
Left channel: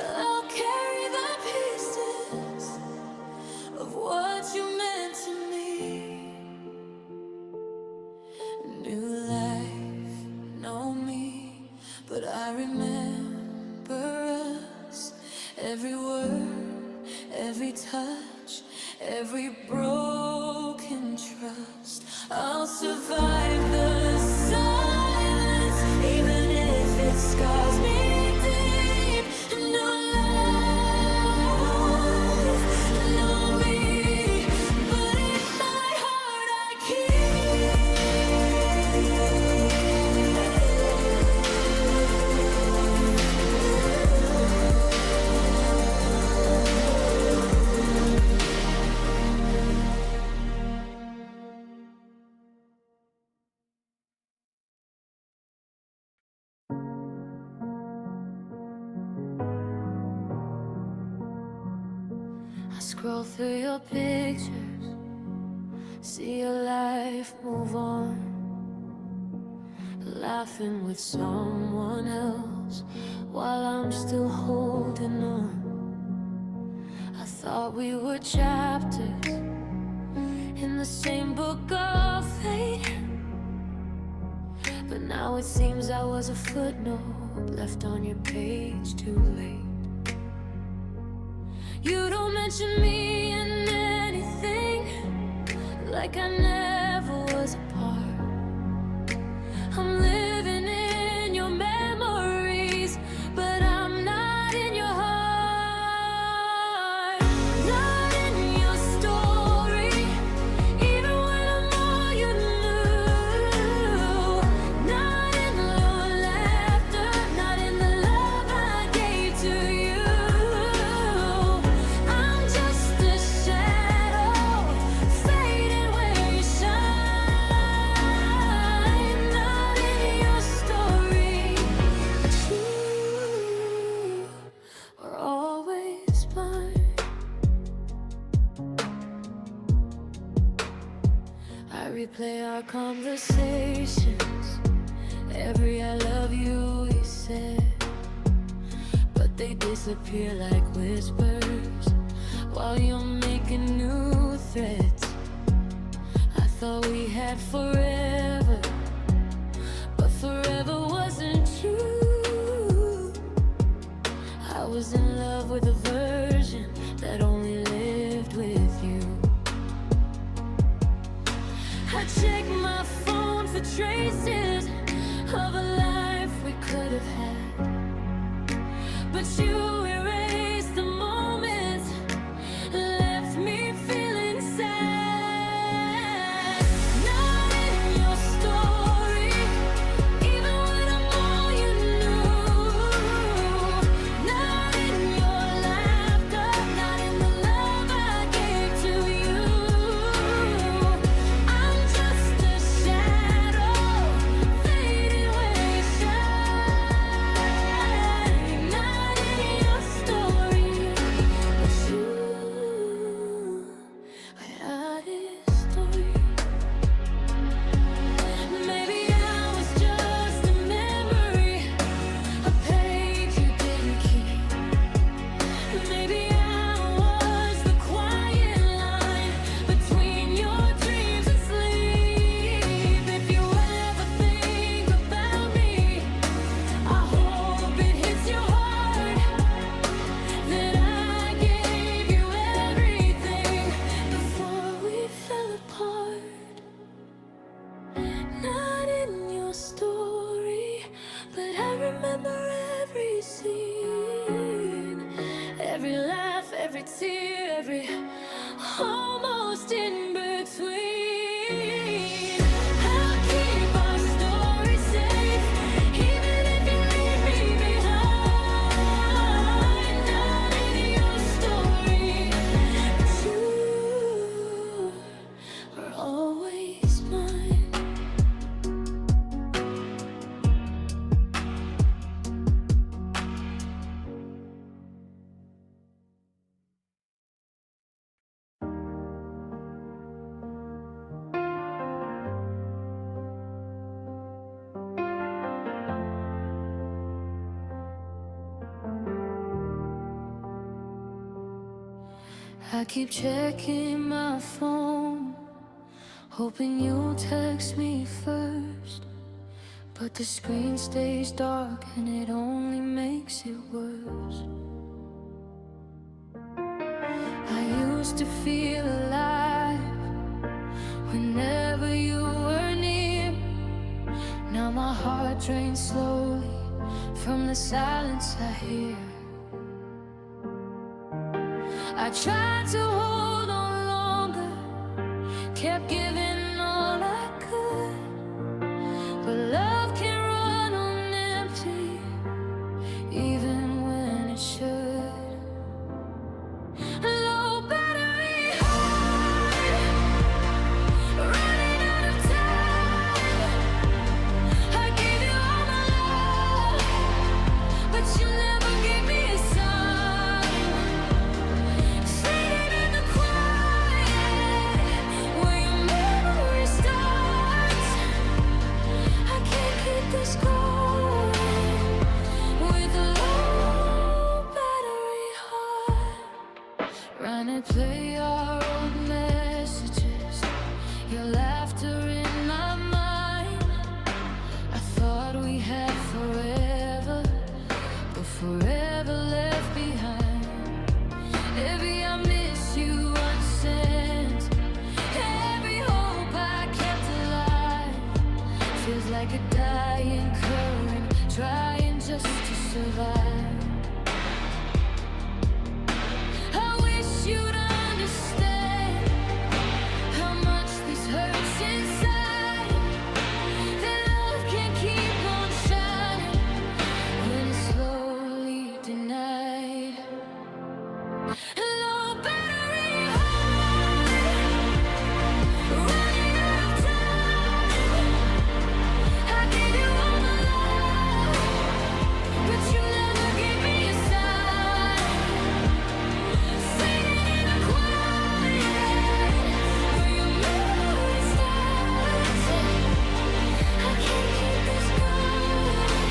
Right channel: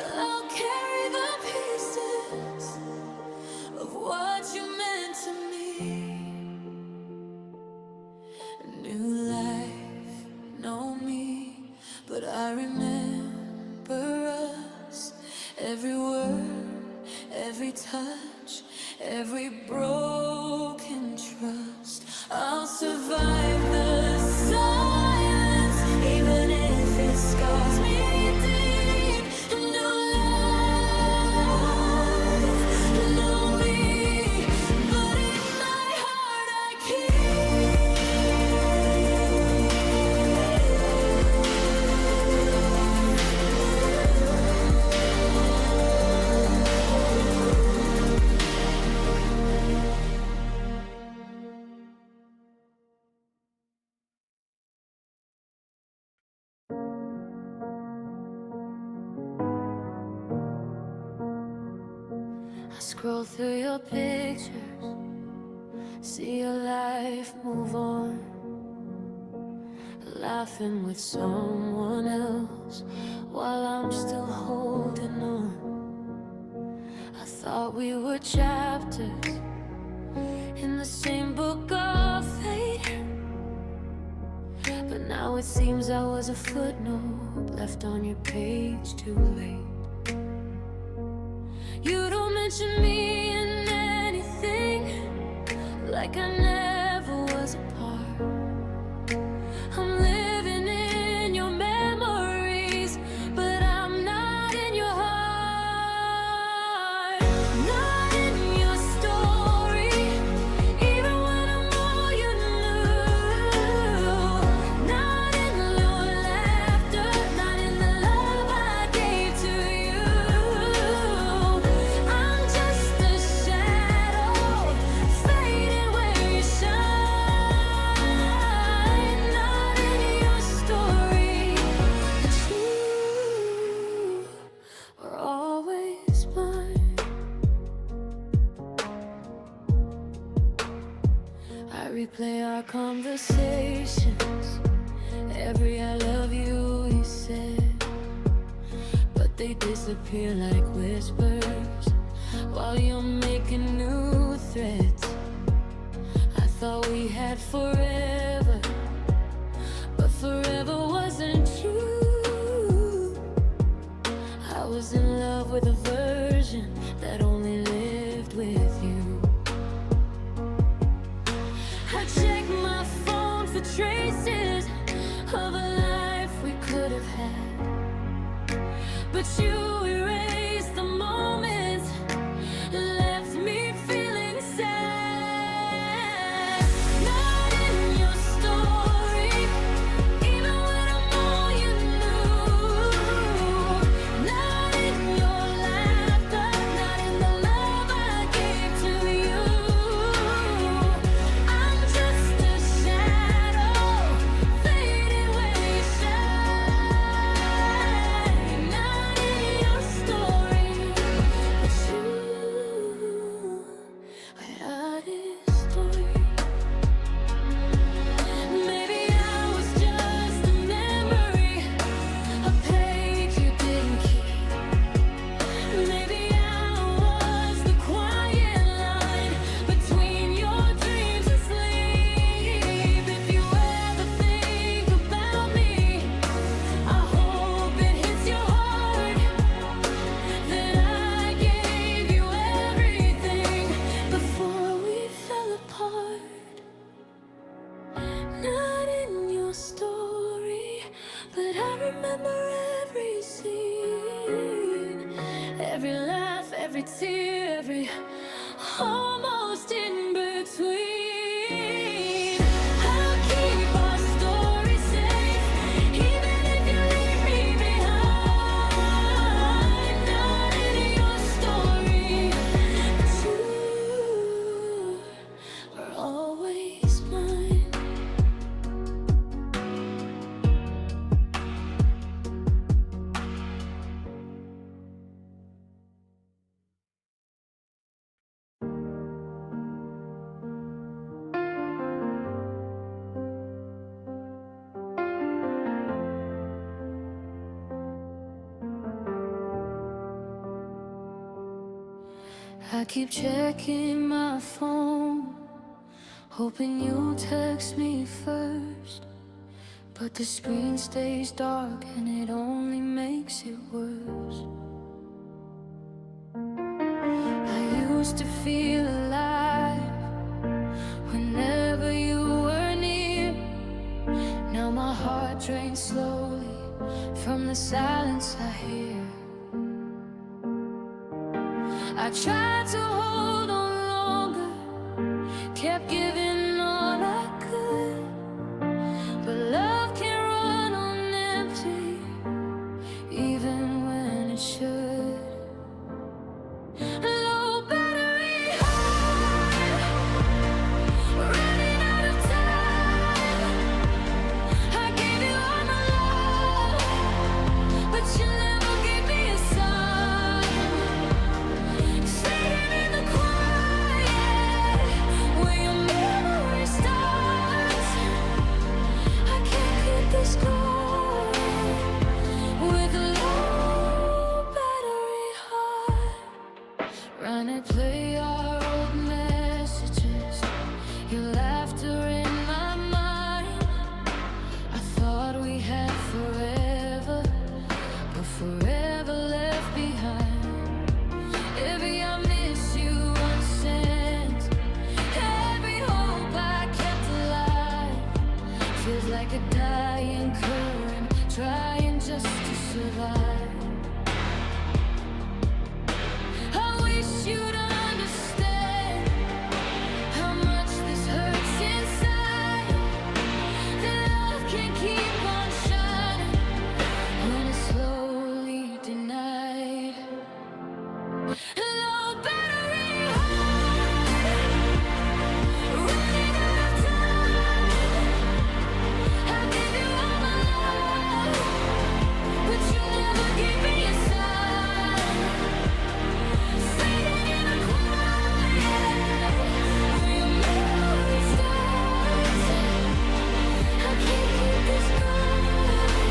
I'll carry the pieces of what you meant to me. New life, no me, but I remember us. Every word, every touch, every broken trust. I'll survive the silence, even if it scars me deep. New life, no me, but in my heart I scroll through your pictures, see your life move on, laughing with someone else while I'm still holding on. I thought we were chapters in the same book of fate, but now it seems I was a footnote left on your page too late. You don't mention me in anything, like I never was a part. I'm living in your memories, but I'm not in your heart. Not in your story, even when I'm all you knew. Not in your laughter, not in the love I gave to you. I'm just a shadow, fading where you shine. Not in your story, but you were always mine. I replay our conversations, every I love you he said, but they disappear like whispers while you're making new threads. I thought we had forever, but forever wasn't true. I was in love with a version that only lived with you. I check my phone for traces of a life we could have had, but you erased the moments, left me feeling sad. Not in your story, even when I'm all you knew. Not in your laughter, not in the love I gave to you. I'm just a shadow, fading where you shine. Not in your story. your story, but I remember every scene, every laugh, every tear, every almost in between. I'll keep our story safe, even if you leave me behind. Not in your story, but you are always mine. I keep checking my phone, hoping you'll text me first, but the screen stays dark and it only makes it worse. I used to feel alive whenever you were near. Now my heart drains slowly from the silence I hear. I tried to hold on longer, kept giving all I could, but love can run on empty, even when it should. Low battery heart, running out of time. I gave you all my love, but you never gave me a sign. Fading in the quiet, where your memory starts. I can't keep this going with a low battery heart. Run and play our old messages, your laughter in my mind. I thought we had forever, but forever left behind. Every I miss you unsent, every hope I kept alive feels like a dying current, trying just to survive. I wish you'd understand how much this hurts inside. That love can keep on shining when it's slowly denied. Low battery heart, running out of time. I gave you all my love, but you never gave me a sign. Fading in the quiet, where your memory starts. I can't keep this going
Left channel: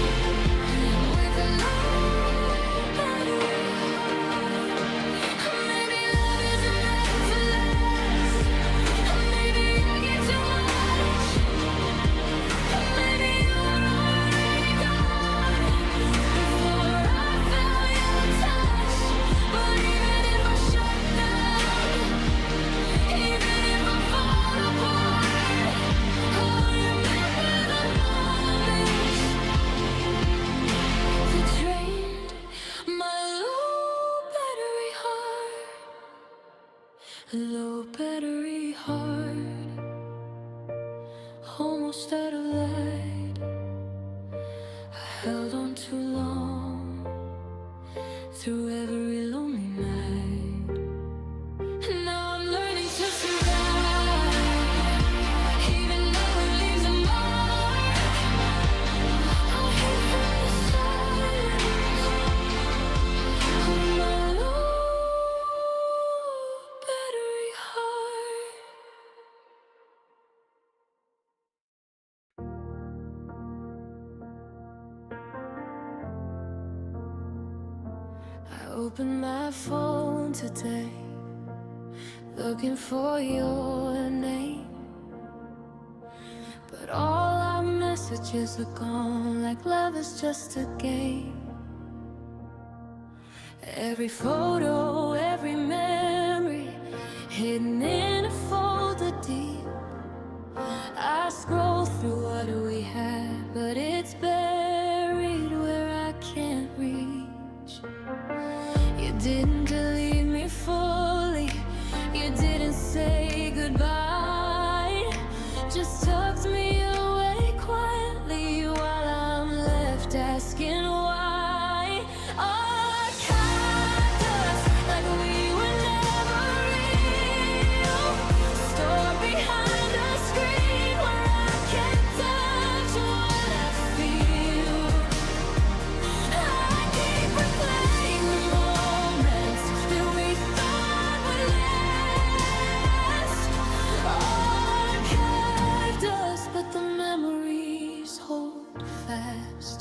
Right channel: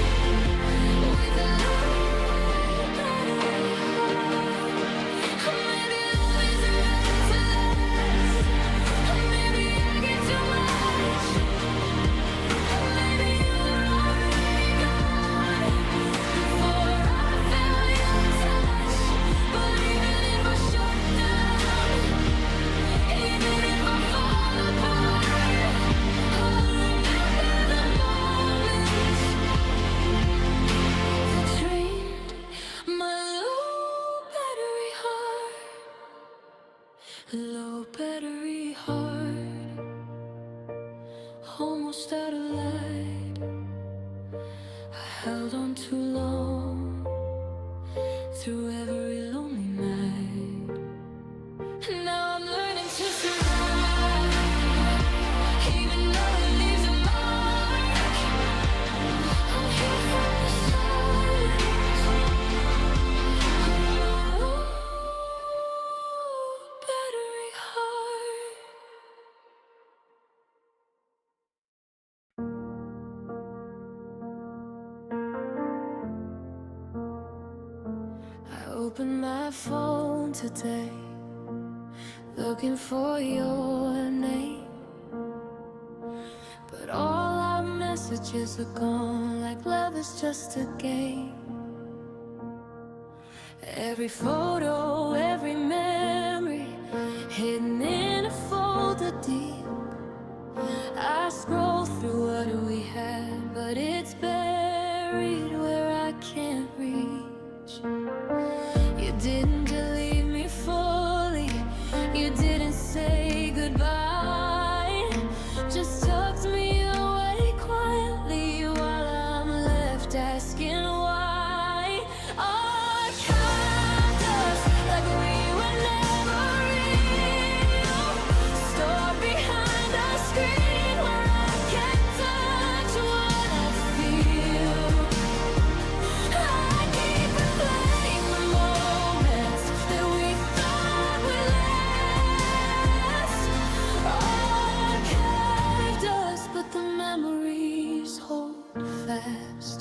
with a low battery heart. Maybe love isn't meant to last. Maybe I get too much. Maybe you were already gone before I felt your touch. But even if I shut down, even if I fall apart, I'll remember the moments that drained my low battery heart. Low battery heart, almost out of light. I held on too long through every lonely night. Now I'm learning to survive, even though it leaves a mark. I'll heal from the silence of my low battery heart. I opened my phone today, looking for your name, but all our messages are gone, like love is just a game. Every photo, every memory, hidden in a folder deep. I scroll through what we had, but it's buried where I can't reach. You didn't delete me fully, you didn't say goodbye, just tucked me away quietly while I'm left asking why. Archived us like we were never real, stored behind a screen where I can't touch what I feel. I keep replaying the moments that we thought would last. Archived us, but the memories hold fast.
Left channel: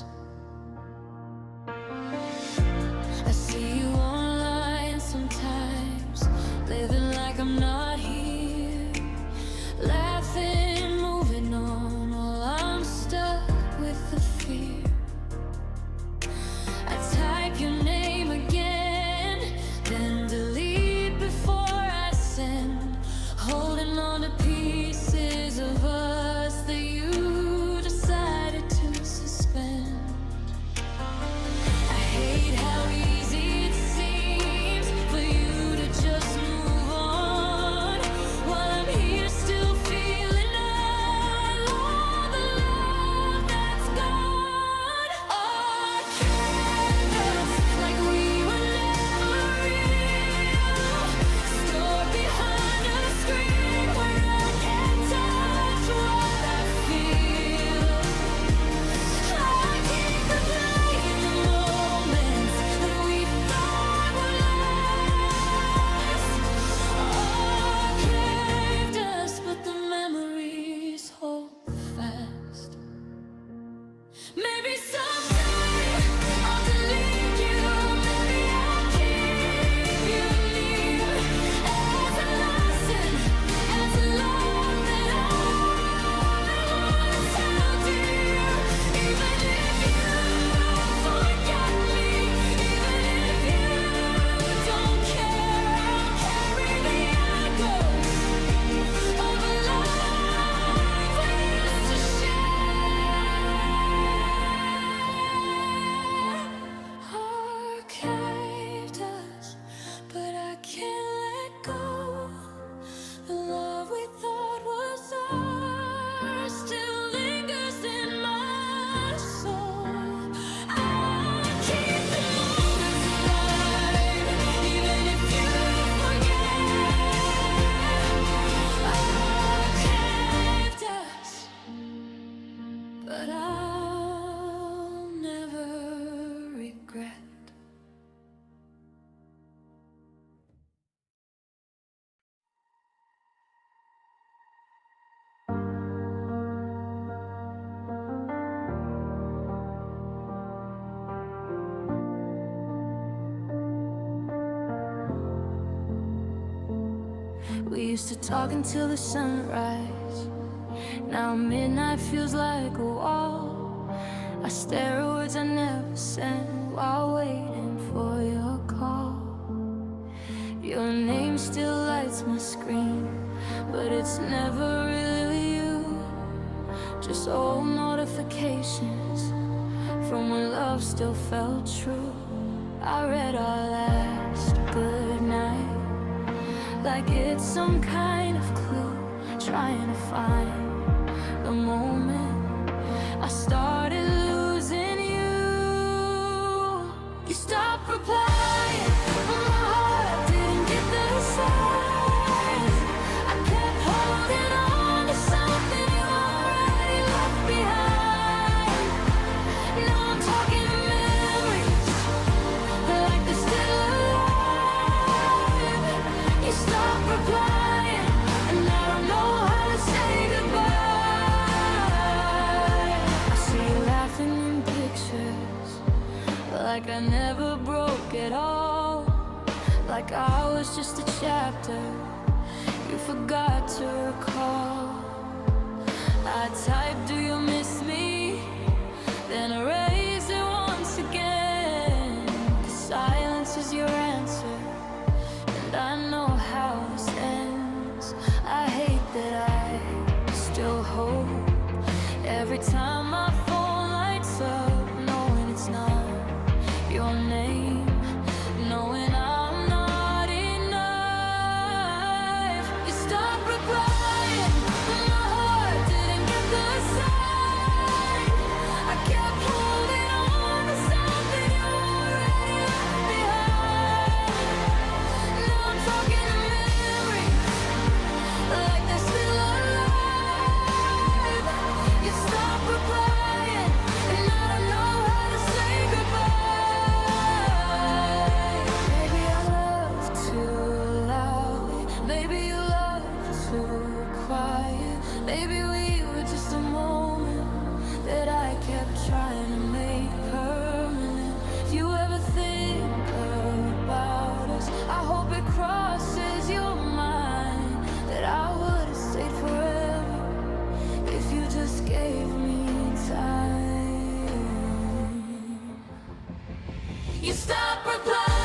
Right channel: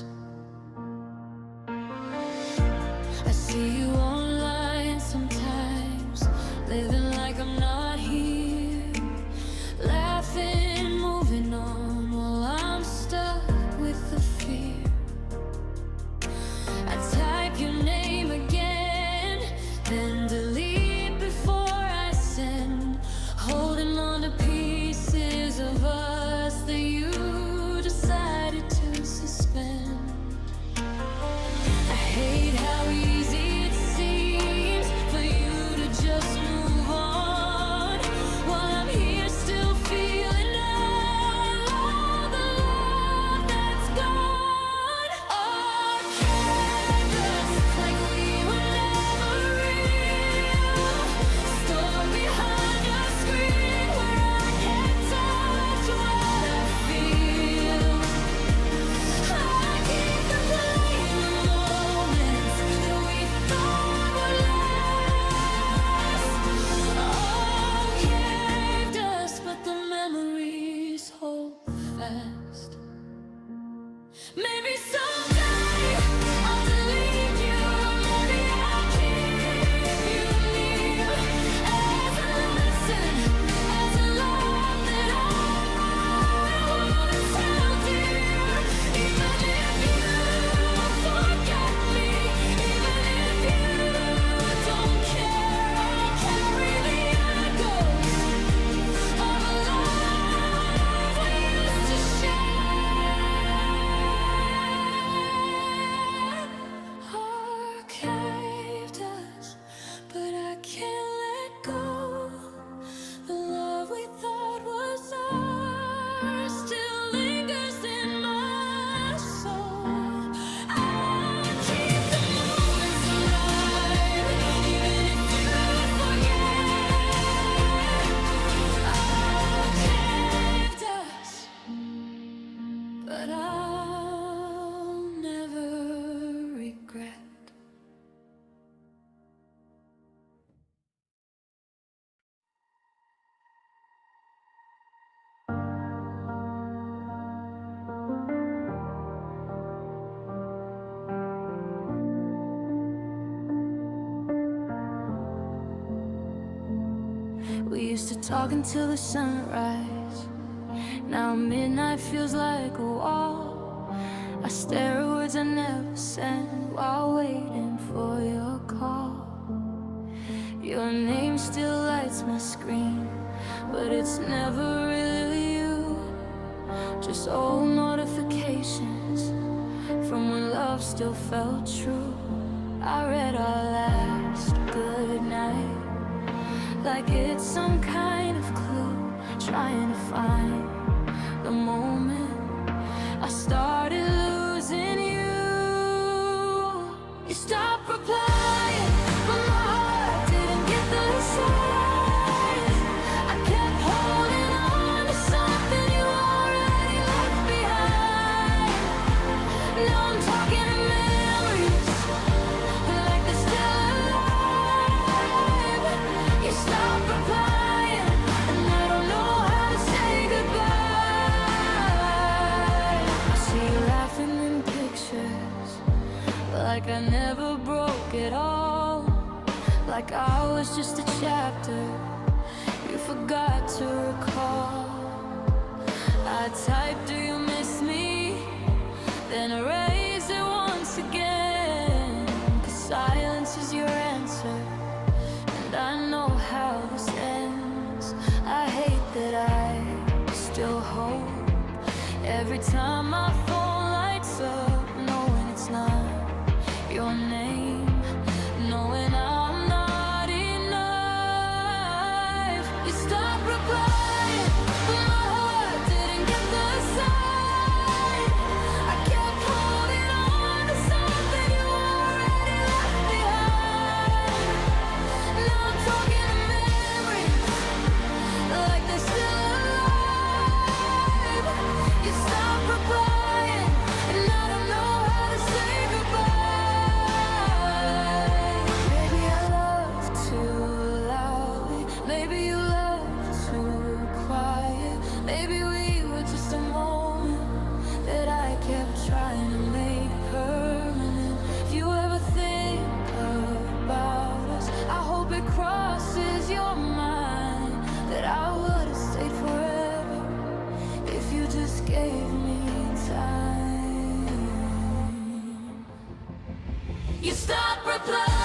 I see you online sometimes, living like I'm not here, laughing, moving on, while I'm stuck with the fear. I type your name again, then delete before I send, holding on to pieces of us that you decided to suspend. I hate how easy it seems for you to just move on, while I'm here still feeling all the love that's gone. Archived us like we were never real, stored behind a screen where I can't touch what I feel. I keep replaying the moments that we thought would last. Archived us, but the memories hold fast. Maybe someday I'll delete you, or maybe I'll keep you near, as a lesson, as a love that I once held dear. Even if you forget me, even if you don't care, I'll carry the echoes of a love we used to share. Archived us, but I can't let go. The love we thought was ours still lingers in my soul. I'll keep the moments alive, even if you forget. Archived us, but I'll never regret. We used to talk until the sunrise. Now midnight feels like a wall. I stare at words I never sent while waiting for your call. Your name still lights my screen, but it's never really you. Just old notifications from when love still felt true. I read our last goodnight like it's some kind of clue, trying to find the moment I started losing you. You stopped replying, but my heart didn't get the signs. I kept holding on to something you already left behind. Now I'm talking to memories like they're still alive. You stopped replying, and I don't know how to say goodbye. I see you laughing in pictures, like I never broke at all, like I was just a chapter you forgot to recall. I typed, do you miss me? Then erase it once again, 'cause silence is your answer, and I know how this ends. I hate that I still hope Every time my phone lights up, knowing it's not your name, knowing I'm not enough. You stopped replying, but my heart didn't get the sign. I kept holding on to something you already left behind. Now I'm talking to memories like they're still alive. You stopped replying, and I don't know how to say goodbye. Maybe I love too loudly, maybe you love too quiet. Maybe we were just a moment that I kept trying to make permanent. If you ever think about us, I hope it crosses your mind that I would've stayed forever if you just gave me time. You stop replying.